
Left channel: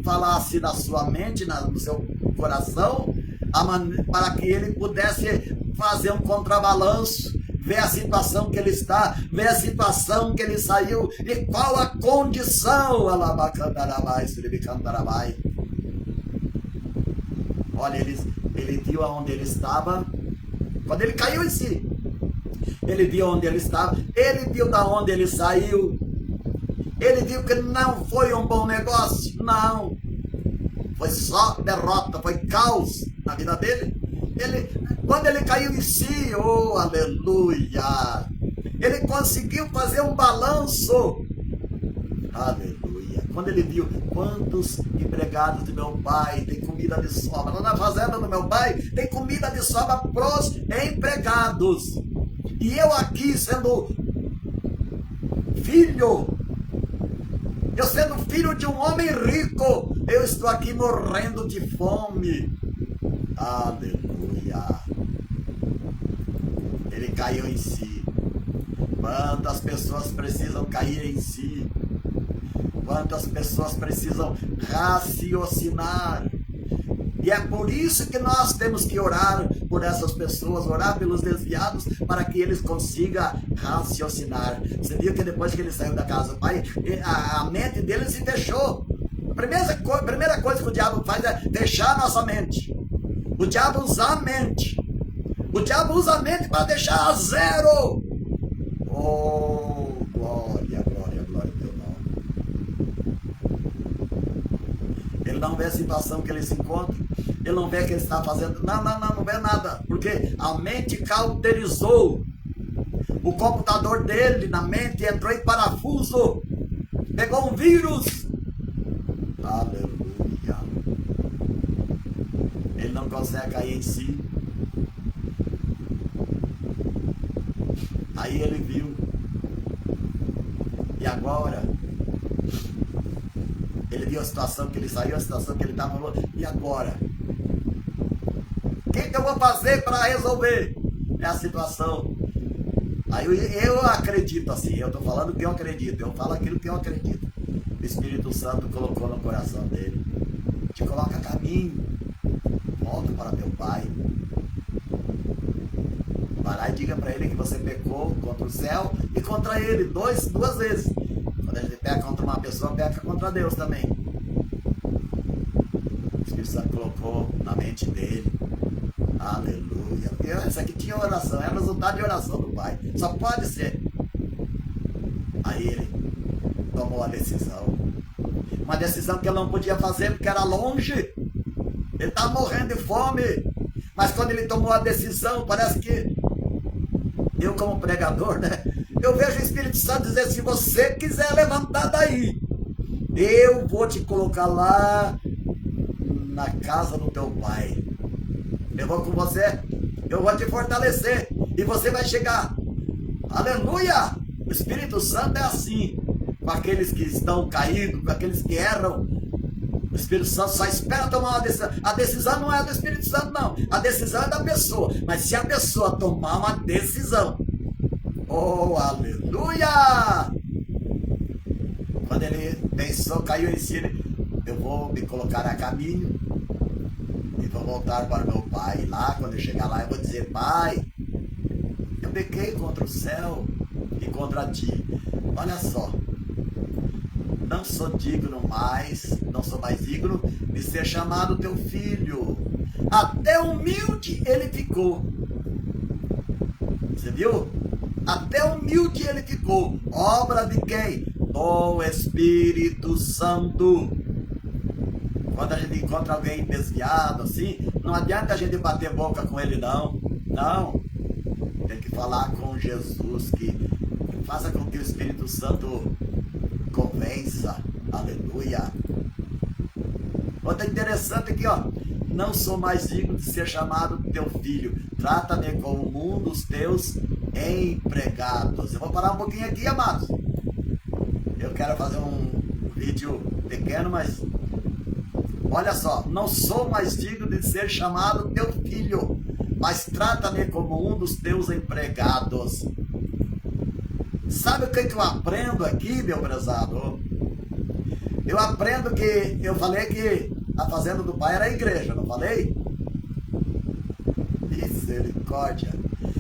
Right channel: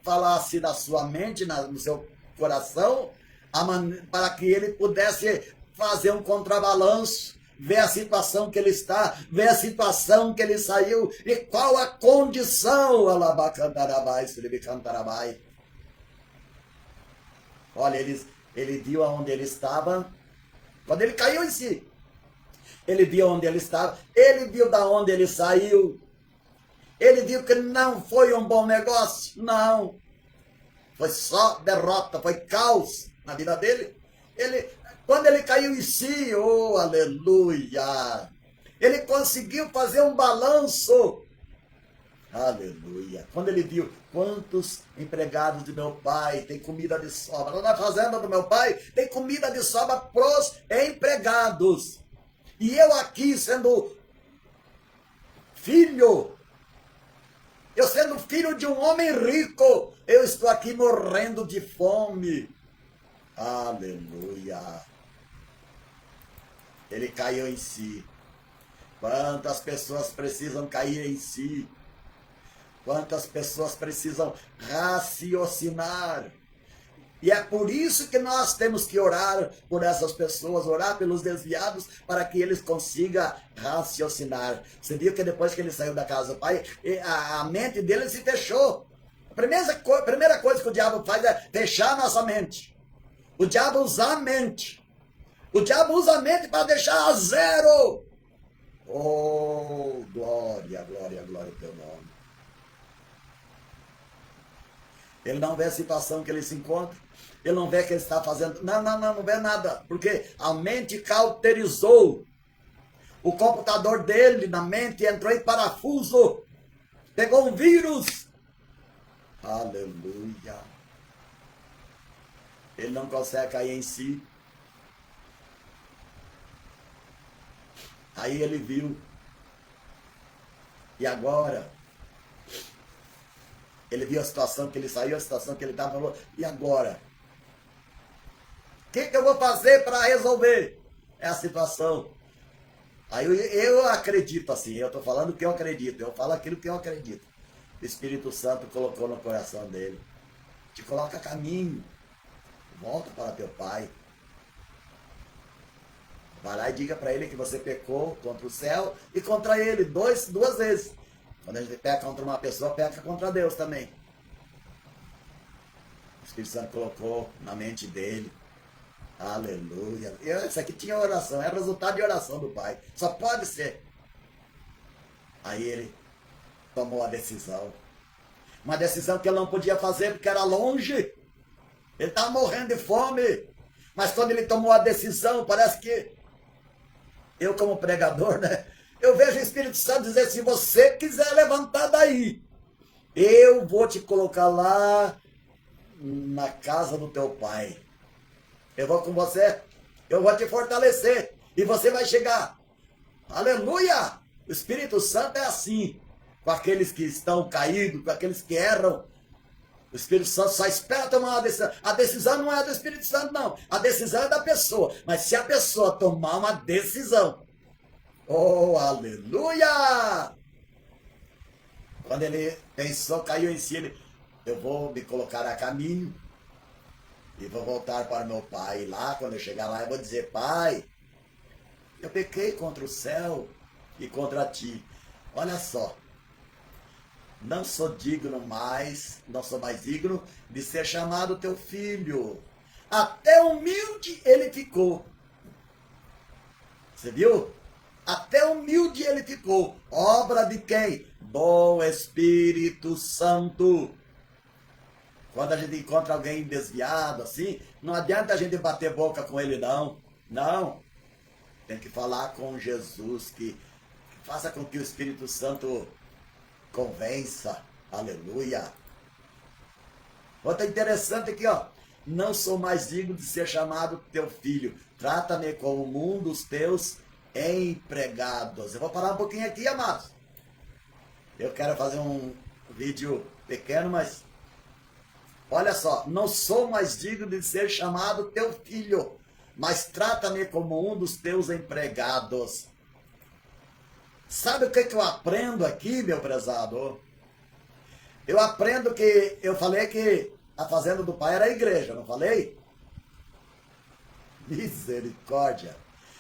falasse na sua mente, no seu coração, para que ele pudesse fazer um contrabalanço, ver a situação que ele está, ver a situação que ele saiu e qual a condição. Alabacantarabai, siribicantarabai. Olha, ele viu aonde ele estava, quando ele caiu em si. Ele viu onde ele estava, ele viu da onde ele saiu, ele viu que não foi um bom negócio, não. Foi só derrota, foi caos na vida dele. Quando ele caiu em si, oh, aleluia, ele conseguiu fazer um balanço, aleluia. Quando ele viu quantos empregados de meu pai tem comida de sobra, lá na fazenda do meu pai tem comida de sobra pros empregados, e eu aqui sendo filho, eu sendo filho de um homem rico, eu estou aqui morrendo de fome. Aleluia. Ele caiu em si. Quantas pessoas precisam cair em si? Quantas pessoas precisam raciocinar? E é por isso que nós temos que orar por essas pessoas, orar pelos desviados, para que eles consigam raciocinar. Você viu que depois que ele saiu da casa do pai, a mente dele se fechou. A primeira coisa que o diabo faz é fechar a nossa mente. O diabo usa a mente. O diabo usa a mente para deixar a zero. Oh, glória, glória, glória ao teu nome. Ele não vê a situação que ele se encontra. Ele não vê o que ele está fazendo. Não vê nada. Porque a mente cauterizou. O computador dele na mente entrou em parafuso. Pegou um vírus. Aleluia. Ele não consegue cair em si. Aí ele viu. E agora? Ele viu a situação que ele saiu, a situação que ele estava, falou, e agora? O que eu vou fazer para resolver? É a situação. Aí eu acredito assim, eu estou falando o que eu acredito, eu falo aquilo que eu acredito. O Espírito Santo colocou no coração dele. Te coloca a caminho. Volta para teu pai. Vai lá e diga para ele que você pecou contra o céu e contra ele, duas vezes. Quando a gente peca contra uma pessoa, peca contra Deus também. O Espírito Santo colocou na mente dele. Aleluia. Isso aqui tinha oração, é resultado de oração do pai. Só pode ser. Aí ele tomou a decisão. Uma decisão que ele não podia fazer porque era longe. Ele estava morrendo de fome. Mas quando ele tomou a decisão, parece que eu como pregador, né? Eu vejo o Espírito Santo dizer, se você quiser levantar daí, eu vou te colocar lá na casa do teu pai. Eu vou com você, eu vou te fortalecer e você vai chegar. Aleluia! O Espírito Santo é assim, com aqueles que estão caídos, com aqueles que erram. O Espírito Santo só espera tomar uma decisão. A decisão não é do Espírito Santo, não. A decisão é da pessoa. Mas se a pessoa tomar uma decisão, oh, aleluia! Quando ele pensou, caiu em si, eu vou me colocar a caminho e vou voltar para meu pai. E lá, quando eu chegar lá, eu vou dizer, pai, eu pequei contra o céu e contra ti. Olha só. Não sou digno mais, não sou mais digno de ser chamado teu filho. Até humilde ele ficou. Você viu? Até humilde ele ficou. Obra de quem? Do Espírito Santo. Quando a gente encontra alguém desviado assim, não adianta a gente bater boca com ele, não. Não. Tem que falar com Jesus, que faça com que o Espírito Santo convença, aleluia. Outra interessante aqui, ó. Não sou mais digno de ser chamado teu filho. Trata-me como um dos teus empregados. Eu vou parar um pouquinho aqui, amados. Eu quero fazer um vídeo pequeno, mas olha só. Não sou mais digno de ser chamado teu filho, mas trata-me como um dos teus empregados. Sabe o que eu aprendo aqui, meu prezado? Eu aprendo que, eu falei que a fazenda do pai era a igreja, não falei? Misericórdia.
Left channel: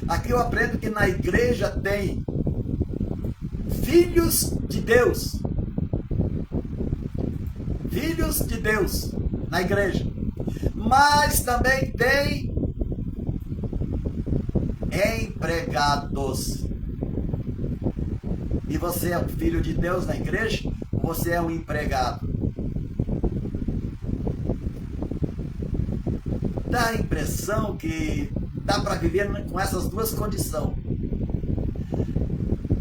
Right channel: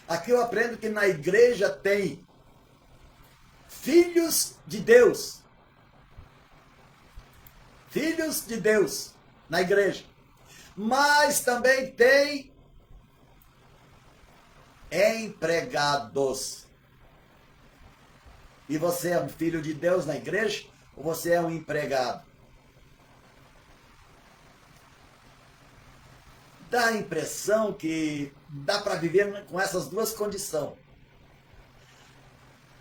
Aqui eu aprendo que na igreja tem filhos de Deus. Filhos de Deus na igreja. Mas também tem empregados. E você é um filho de Deus na igreja? Ou você é um empregado? Dá a impressão que dá para viver com essas duas condições.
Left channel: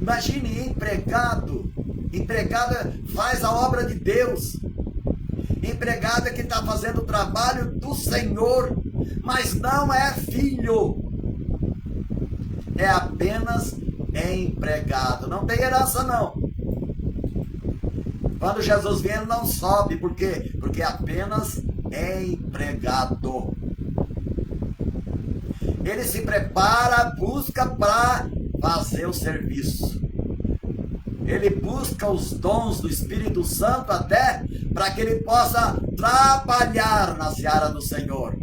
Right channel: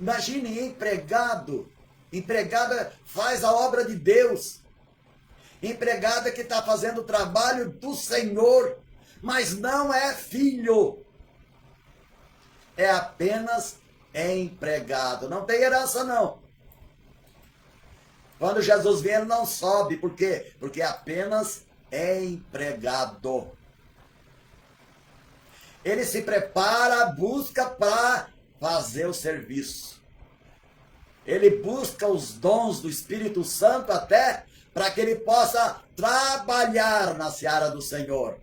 Imagine empregado. Empregada faz a obra de Deus. Empregada que está fazendo o trabalho do Senhor, mas não é filho. É apenas empregado. Não tem herança, não. Quando Jesus vem, ele não sobe. Por quê? Porque é apenas empregado. Ele se prepara, busca para fazer o serviço. Ele busca os dons do Espírito Santo até para que ele possa trabalhar na seara do Senhor.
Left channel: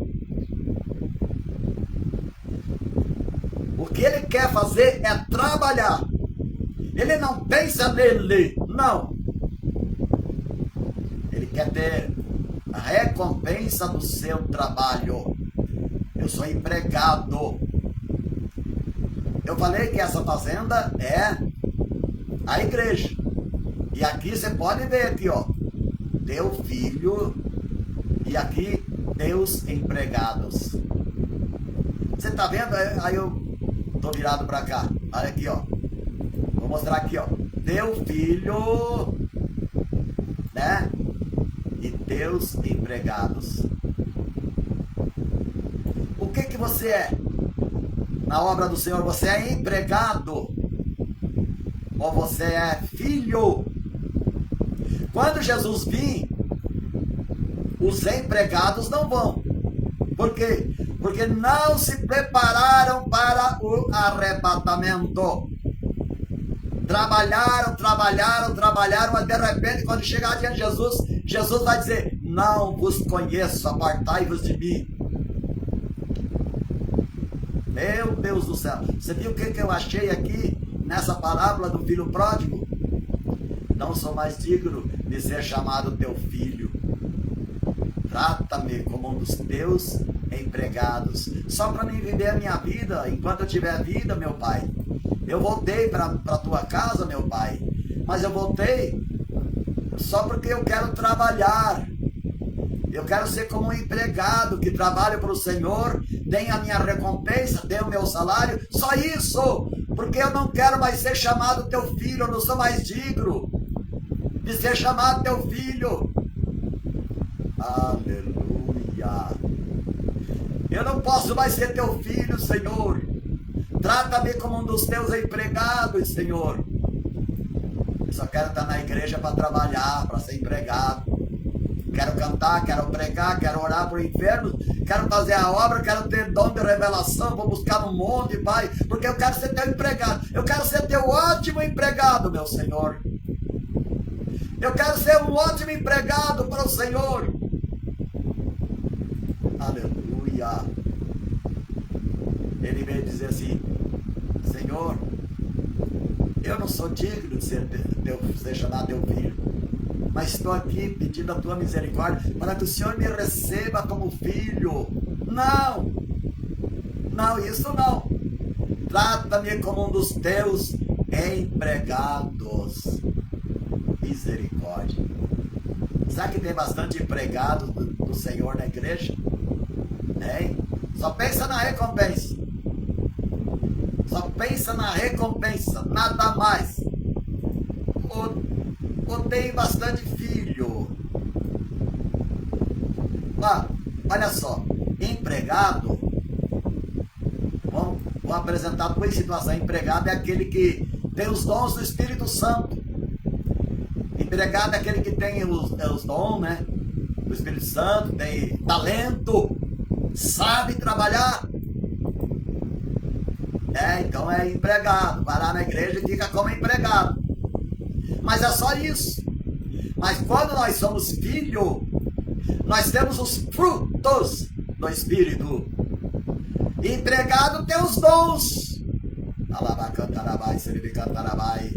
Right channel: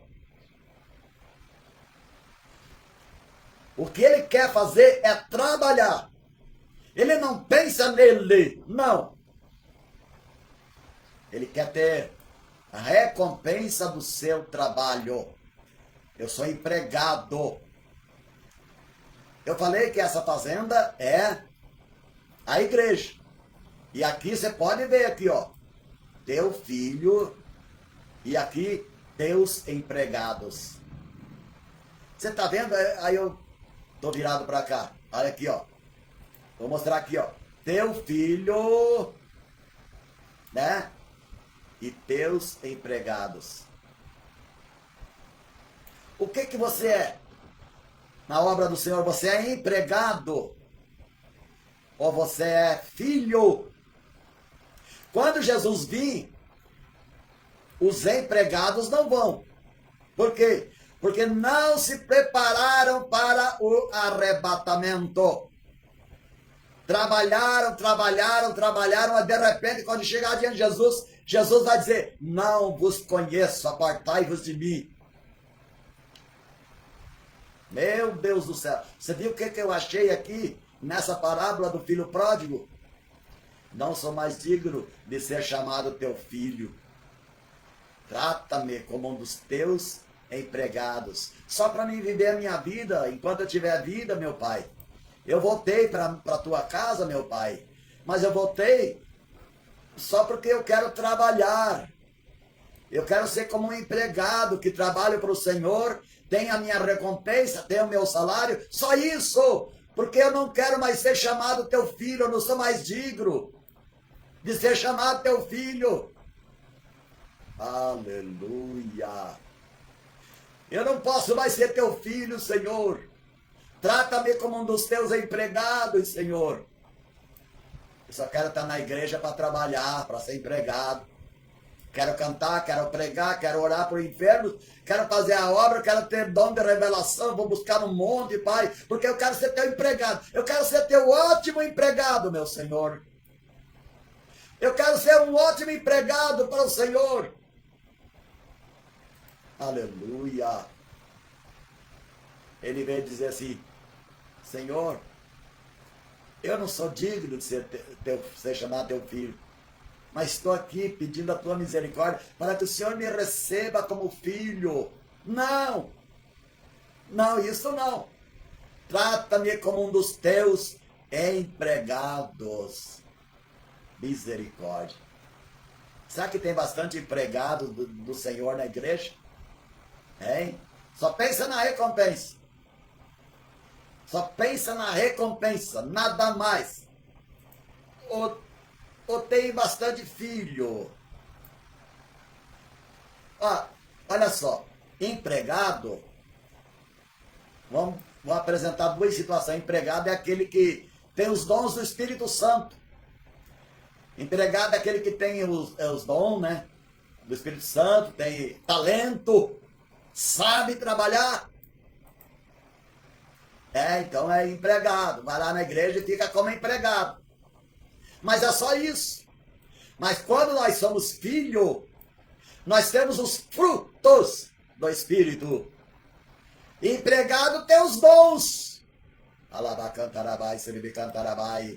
O que ele quer fazer é trabalhar. Ele não pensa nele, não. Ele quer ter a recompensa do seu trabalho. Eu sou empregado. Eu falei que essa fazenda é a igreja. E aqui você pode ver aqui, ó. Teu filho e aqui teus empregados. Você tá vendo? Aí eu tô virado para cá. Olha aqui, ó. Vou mostrar aqui, ó. Teu filho, né? E teus empregados. O que que você é? Na obra do Senhor, você é empregado ou você é filho? Quando Jesus vir, os empregados não vão. Por quê? Porque não se prepararam para o arrebatamento. Trabalharam, mas de repente, quando chegar diante de Jesus, Jesus vai dizer: não vos conheço, apartai-vos de mim. Meu Deus do céu. Você viu o que eu achei aqui nessa parábola do filho pródigo? Não sou mais digno de ser chamado teu filho. Trata-me como um dos teus empregados. Só para mim viver a minha vida, enquanto eu tiver vida, meu pai. Eu voltei para a tua casa, meu pai. Mas eu voltei só porque eu quero trabalhar. Eu quero ser como um empregado que trabalha para o Senhor, tenha a minha recompensa, tenha o meu salário. Só isso. Porque eu não quero mais ser chamado teu filho. Eu não sou mais digno de ser chamado teu filho. Aleluia. Eu não posso mais ser teu filho, Senhor. Trata-me como um dos teus empregados, Senhor. Eu só quero estar na igreja para trabalhar, para ser empregado. Quero cantar, quero pregar, quero orar para o inferno, quero fazer a obra, quero ter dom de revelação, vou buscar no monte, Pai, porque eu quero ser teu empregado. Eu quero ser teu ótimo empregado, meu Senhor. Eu quero ser um ótimo empregado para o Senhor. Aleluia. Ele veio dizer assim: Senhor, eu não sou digno de ser chamado teu filho, mas estou aqui pedindo a tua misericórdia para que o Senhor me receba como filho. Não, isso não. Trata-me como um dos teus empregados. Misericórdia. Sabe que tem bastante empregado do Senhor na igreja? Hein? Só pensa na recompensa. Só pensa na recompensa, nada mais. Ou tem bastante filho. Olha só, empregado, vamos apresentar duas situações. Empregado é aquele que tem os dons do Espírito Santo. Empregado é aquele que tem os dons, né, do Espírito Santo, tem talento, sabe trabalhar. Então é empregado. Vai lá na igreja e fica como empregado. Mas é só isso. Mas quando nós somos filhos, nós temos os frutos do Espírito. Empregado tem os dons. Alabacantarabai, seribicantarabai.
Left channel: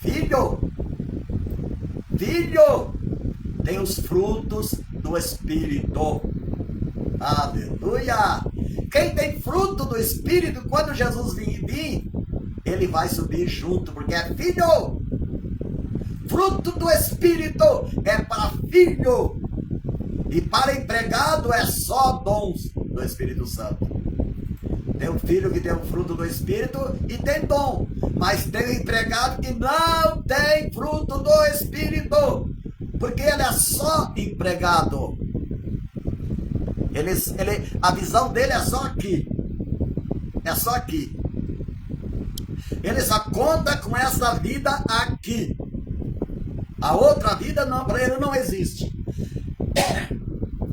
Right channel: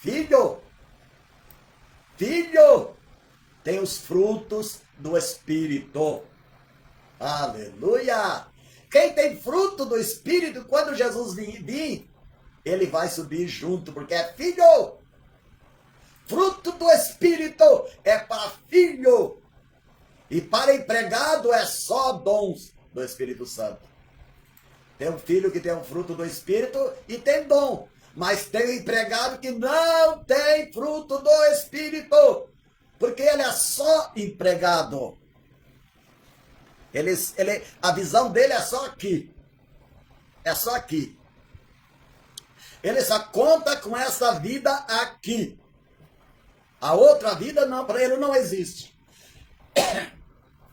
Filho tem os frutos do Espírito. Aleluia. Quem tem fruto do Espírito, quando Jesus vir, ele vai subir junto, porque é filho. Fruto do Espírito é para filho. E para empregado é só dons do Espírito Santo. Tem um filho que tem o fruto do Espírito e tem dom. Mas tem um empregado que não tem fruto do Espírito, porque ele é só empregado. A visão dele é só aqui. É só aqui. Ele só conta com essa vida aqui. A outra vida não, para ele não existe.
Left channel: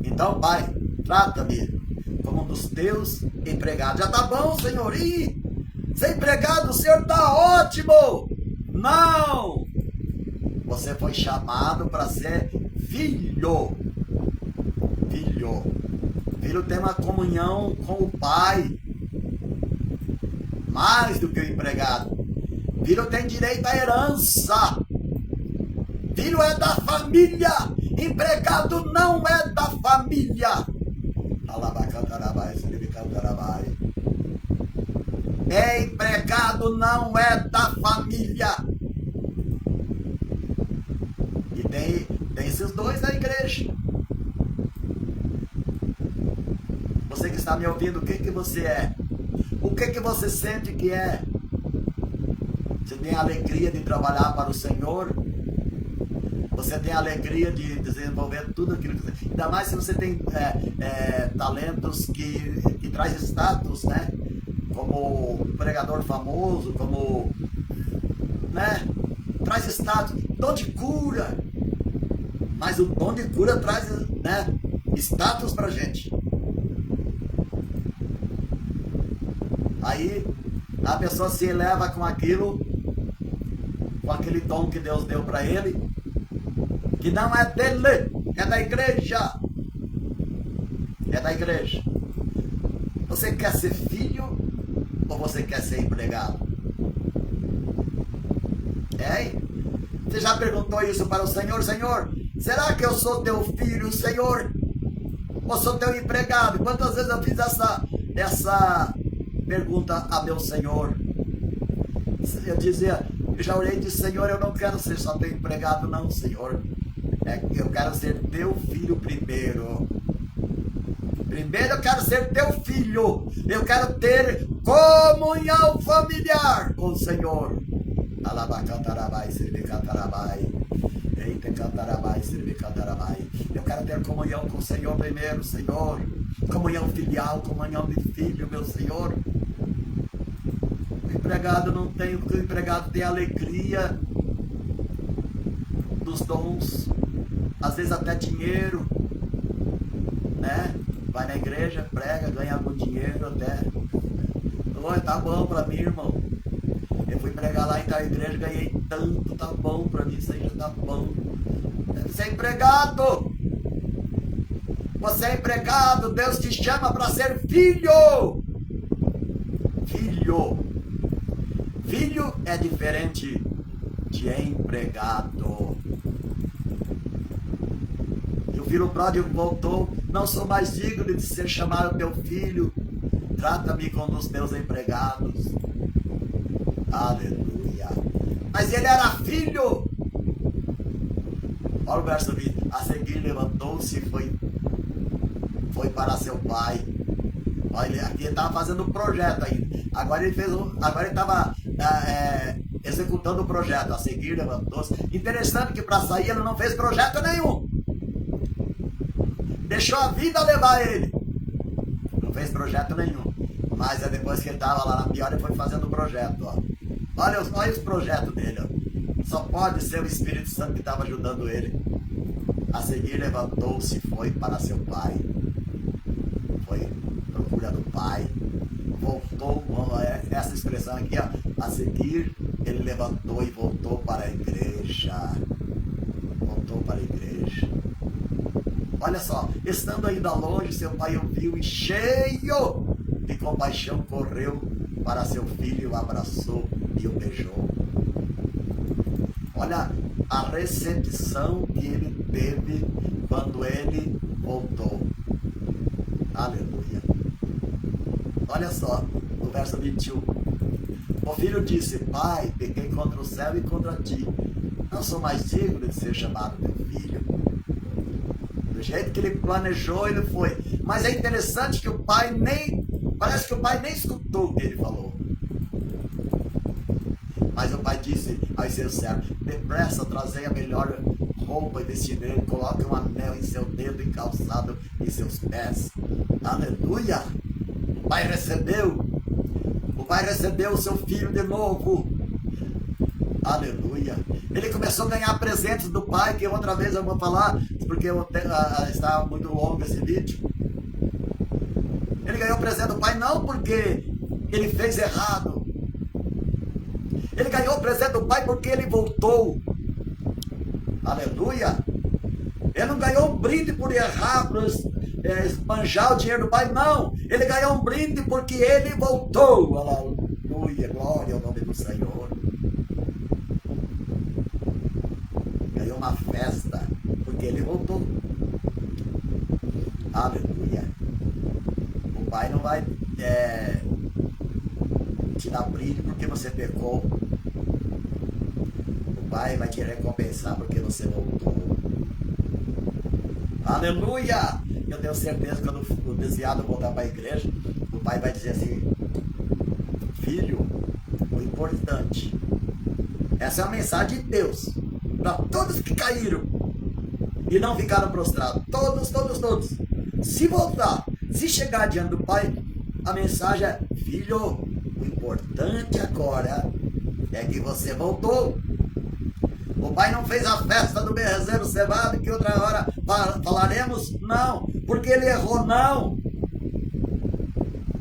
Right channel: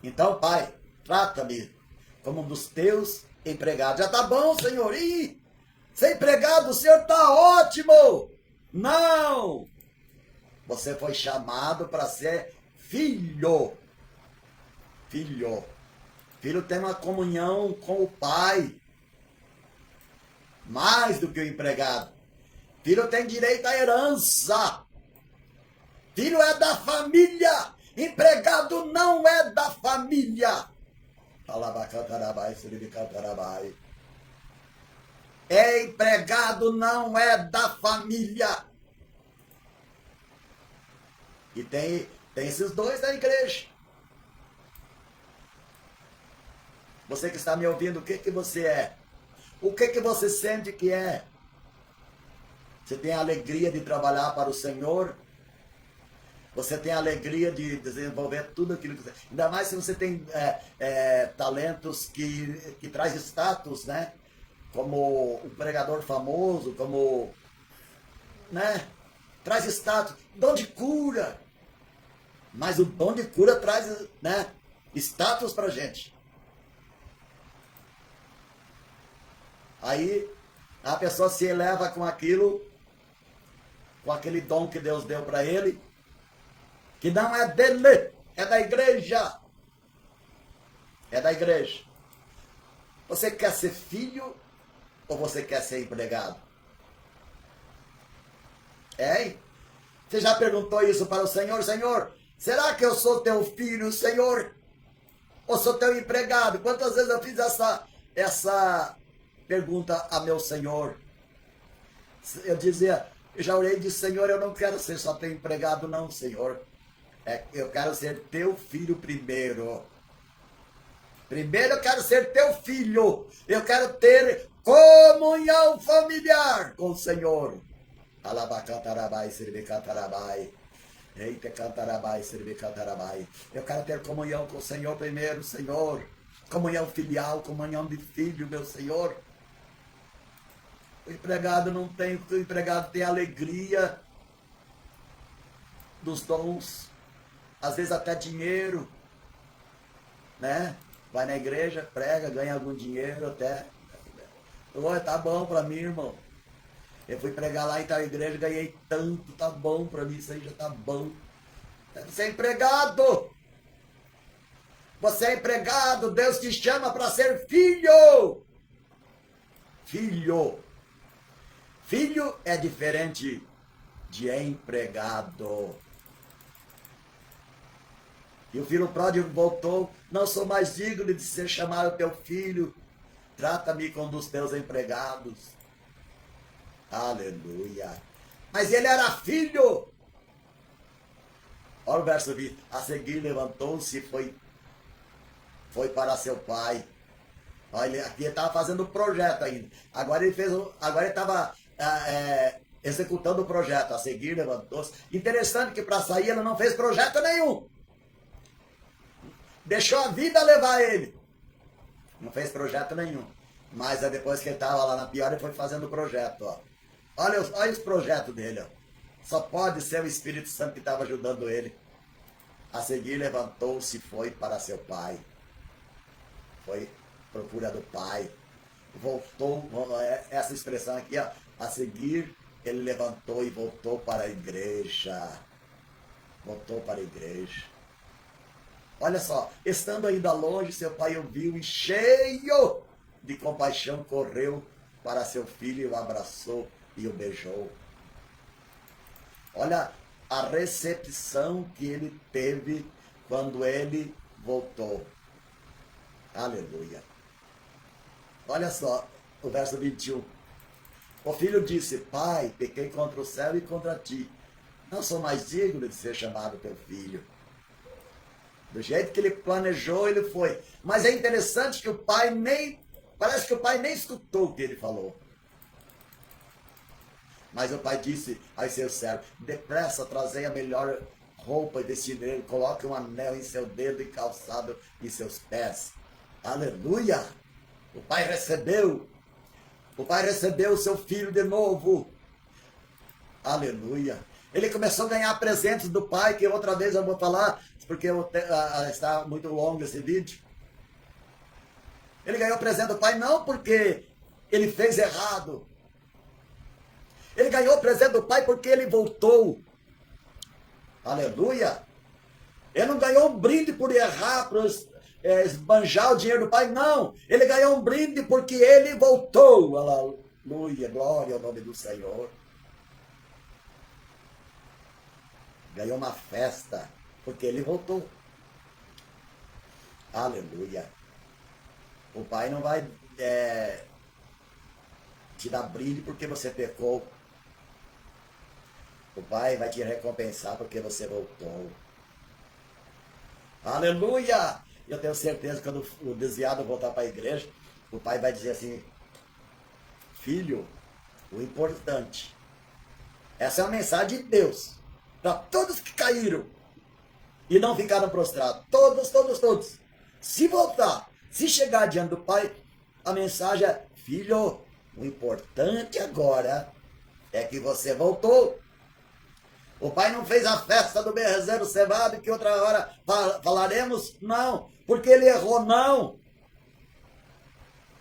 Então, Pai, trata-me como um dos teus empregados. Já tá bom, Senhor? Ser empregado, o Senhor tá ótimo. Não! Você foi chamado para ser filho. Filho. Filho tem uma comunhão com o pai. Mais do que o empregado. Filho tem direito à herança. Filho é da família. Empregado não é da família. Empregado não é da família. E tem esses dois na igreja. Você que está me ouvindo, o que que você é? O que que você sente que é? Você tem a alegria de trabalhar para o Senhor? Você tem a alegria de desenvolver tudo aquilo que você... Ainda mais se você tem talentos que traz status, né? Como pregador famoso, como... né? Traz status. Dom de cura. Mas o dom de cura traz, né, status pra gente. Aí a pessoa se eleva com aquilo, com aquele dom que Deus deu para ele, que não é dele, é da igreja. É da igreja. Você quer ser filho ou você quer ser empregado? Hein? Você já perguntou isso para o Senhor? Senhor, será que eu sou teu filho, Senhor? Ou sou teu empregado? Quantas vezes eu fiz essa pergunta a meu Senhor? Eu dizia, eu já orei e disse, Senhor, eu não quero ser só teu empregado, não, Senhor. Eu quero ser teu filho primeiro. Primeiro eu quero ser teu filho. Eu quero ter comunhão familiar com o Senhor. Alabacantarabai, Siribicantarabai. Eita, cantarabai, Siribicantarabai. Eu quero ter comunhão com o Senhor primeiro, Senhor. Comunhão filial, comunhão de filho, meu Senhor. O empregado não tem, porque o empregado tem a alegria dos dons, às vezes até dinheiro, né? Vai na igreja, prega, ganha algum dinheiro até. Oi, tá bom pra mim, irmão. Eu fui pregar lá em tal igreja, ganhei tanto, tá bom pra mim, isso aí já tá bom. Você é empregado. Você é empregado, Deus te chama para ser filho. Filho. Filho é diferente de empregado. E o filho pródigo voltou, não sou mais digno de ser chamado teu filho, trata-me como dos teus empregados. Aleluia. Mas ele era filho. Olha o verso 20. A seguir levantou-se e foi para seu pai. Olha, aqui ele estava fazendo um projeto ainda. Agora ele estava executando o projeto. A seguir levantou-se. Interessante que para sair ele não fez projeto nenhum. Deixou a vida levar ele. Não fez projeto nenhum. Mas depois que ele estava lá na pior, ele foi fazendo o projeto. Ó. Olha os projetos dele. Ó. Só pode ser o Espírito Santo que estava ajudando ele. A seguir levantou-se e foi para seu pai. Foi procura do pai. Voltou, essa expressão aqui, ó. A seguir ele levantou e voltou para a igreja. Voltou para a igreja. Olha só, estando ainda longe, seu pai o viu e cheio de compaixão correu para seu filho, o abraçou e o beijou. Olha a recepção que ele teve quando ele voltou. Aleluia. Olha só, o verso 21. O filho disse, pai, pequei contra o céu e contra ti. Não sou mais digno de ser chamado teu filho. Do jeito que ele planejou, ele foi. Mas é interessante que o pai parece que o pai nem escutou o que ele falou. Mas o pai disse aos seus servos, depressa, trazei a melhor roupa e vestir, coloque um anel em seu dedo e calçado em seus pés. Aleluia! O pai recebeu o seu filho de novo. Aleluia! Ele começou a ganhar presentes do pai, que outra vez eu vou falar, porque está muito longo esse vídeo. Ele ganhou presente do pai não porque ele fez errado. Ele ganhou o presente do pai porque ele voltou. Aleluia! Ele não ganhou um brinde por errar, por esbanjar o dinheiro do pai, não. Ele ganhou um brinde porque ele voltou. Aleluia, glória ao nome do Senhor. Ganhou uma festa porque ele voltou. Aleluia. O pai não vai te dar brinde porque você pecou. O pai vai te recompensar porque você voltou. Aleluia! Eu tenho certeza que quando o desviado voltar para a igreja, o pai vai dizer assim: filho, o importante, essa é a mensagem de Deus para todos que caíram e não ficaram prostrados. Todos. Se voltar, se chegar diante do pai, a mensagem é: filho, o importante agora é que você voltou. O pai não fez a festa do bezerro cevado, que outra hora falaremos, não, porque ele errou, não.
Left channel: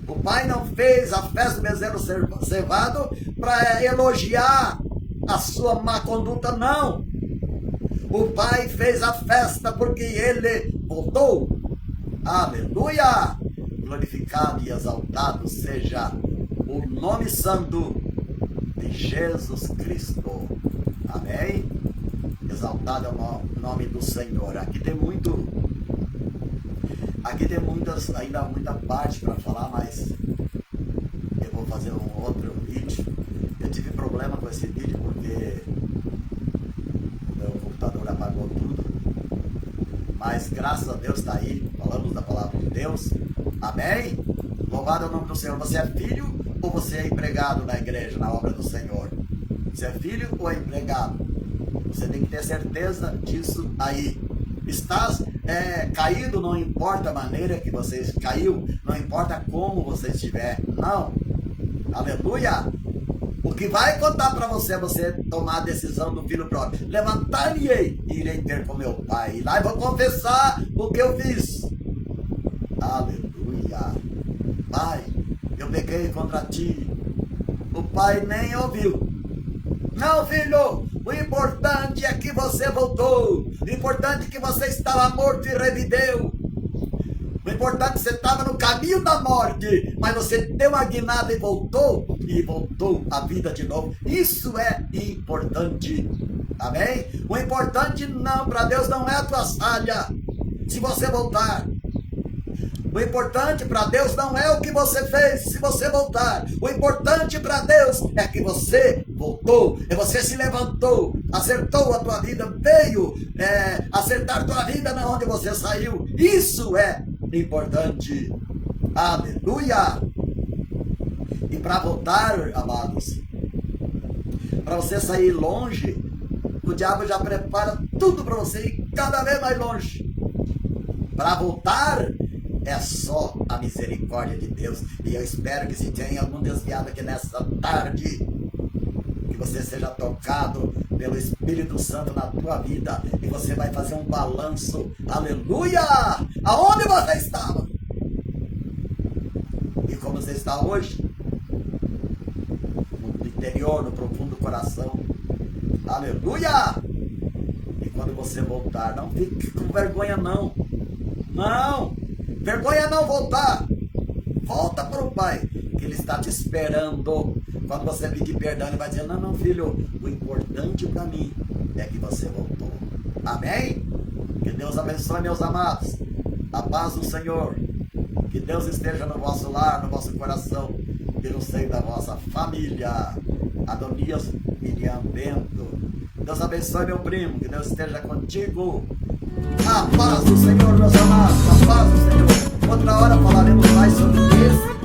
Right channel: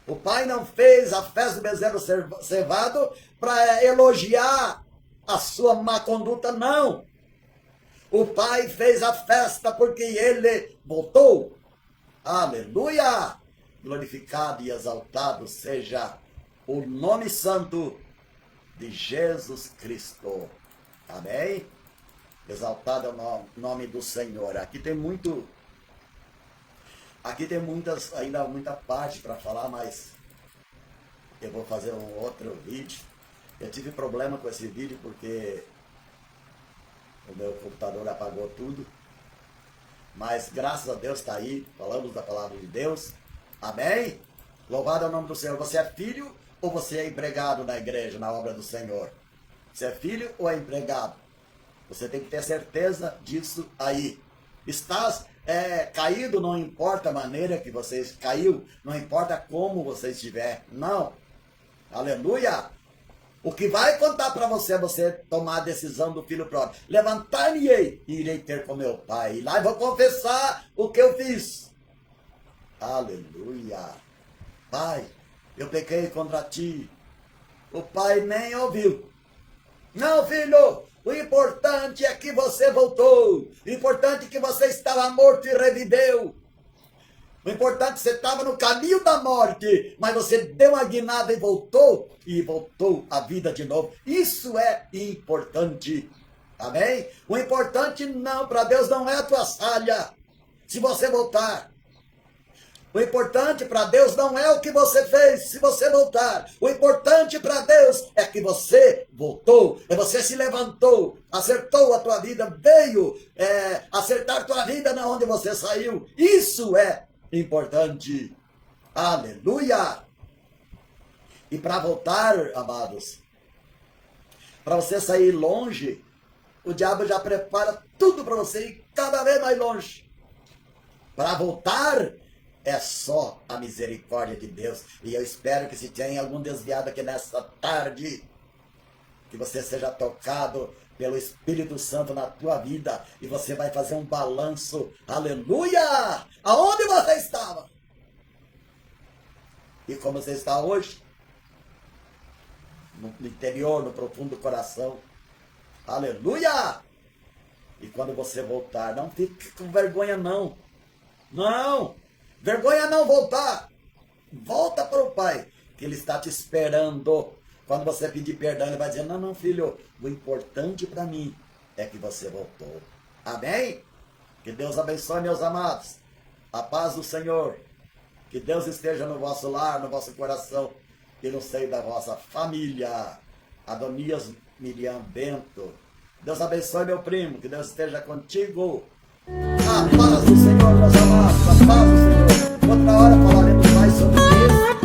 O pai não fez a festa do bezerro cevado para elogiar a sua má conduta, não. O pai fez a festa porque ele voltou. Aleluia! Glorificado e exaltado seja o nome santo de Jesus Cristo. Amém? Exaltado é o nome do Senhor. Aqui tem ainda muita parte para falar, mas eu vou fazer um outro vídeo. Eu tive problema com esse vídeo porque o meu computador apagou tudo. Mas graças a Deus está aí, falamos da palavra de Deus. Amém? Louvado é o nome do Senhor. Você é filho ou você é empregado na igreja, na obra do Senhor? Você é filho ou é empregado? Você tem que ter certeza disso aí. Estás caído, não importa a maneira que você caiu, não importa como você estiver, não. Aleluia! O que vai contar para você é você tomar a decisão do filho próprio. Levantar-me-ei e irei ter com meu pai. E lá eu vou confessar o que eu fiz. Aleluia! Pai, eu pequei contra ti. O pai nem ouviu. Não, filho, o importante é que você voltou. O importante é que você estava morto e reviveu. O importante é que você estava no caminho da morte, mas você deu uma guinada e voltou à vida de novo. Isso é importante. Amém? O importante não, para Deus não é a tua falha. Se você voltar. O importante para Deus não é o que você fez, se você voltar. O importante para Deus é que você voltou, é você se levantou, acertou a tua vida, veio acertar a tua vida na onde você saiu. Isso é importante. Aleluia! E para voltar, amados, para você sair longe, o diabo já prepara tudo para você ir cada vez mais longe. Para voltar, é só a misericórdia de Deus. E eu espero que se tem algum desviado aqui nessa tarde, que você seja tocado pelo Espírito Santo na tua vida. E você vai fazer um balanço. Aleluia! Aonde você estava? E como você está hoje? No interior, no profundo coração. Aleluia! E quando você voltar, não fique com vergonha não. Não! Vergonha não voltar. Volta para o pai, que ele está te esperando. Quando você pedir perdão, ele vai dizer: não, filho, o importante para mim é que você voltou. Amém? Que Deus abençoe, meus amados. A paz do Senhor. Que Deus esteja no vosso lar, no vosso coração e no seio da vossa família. Adonias Miriam Bento. Deus abençoe, meu primo. Que Deus esteja contigo. A paz do Senhor, meus amados, a paz do Senhor. Outra hora falaremos mais sobre isso.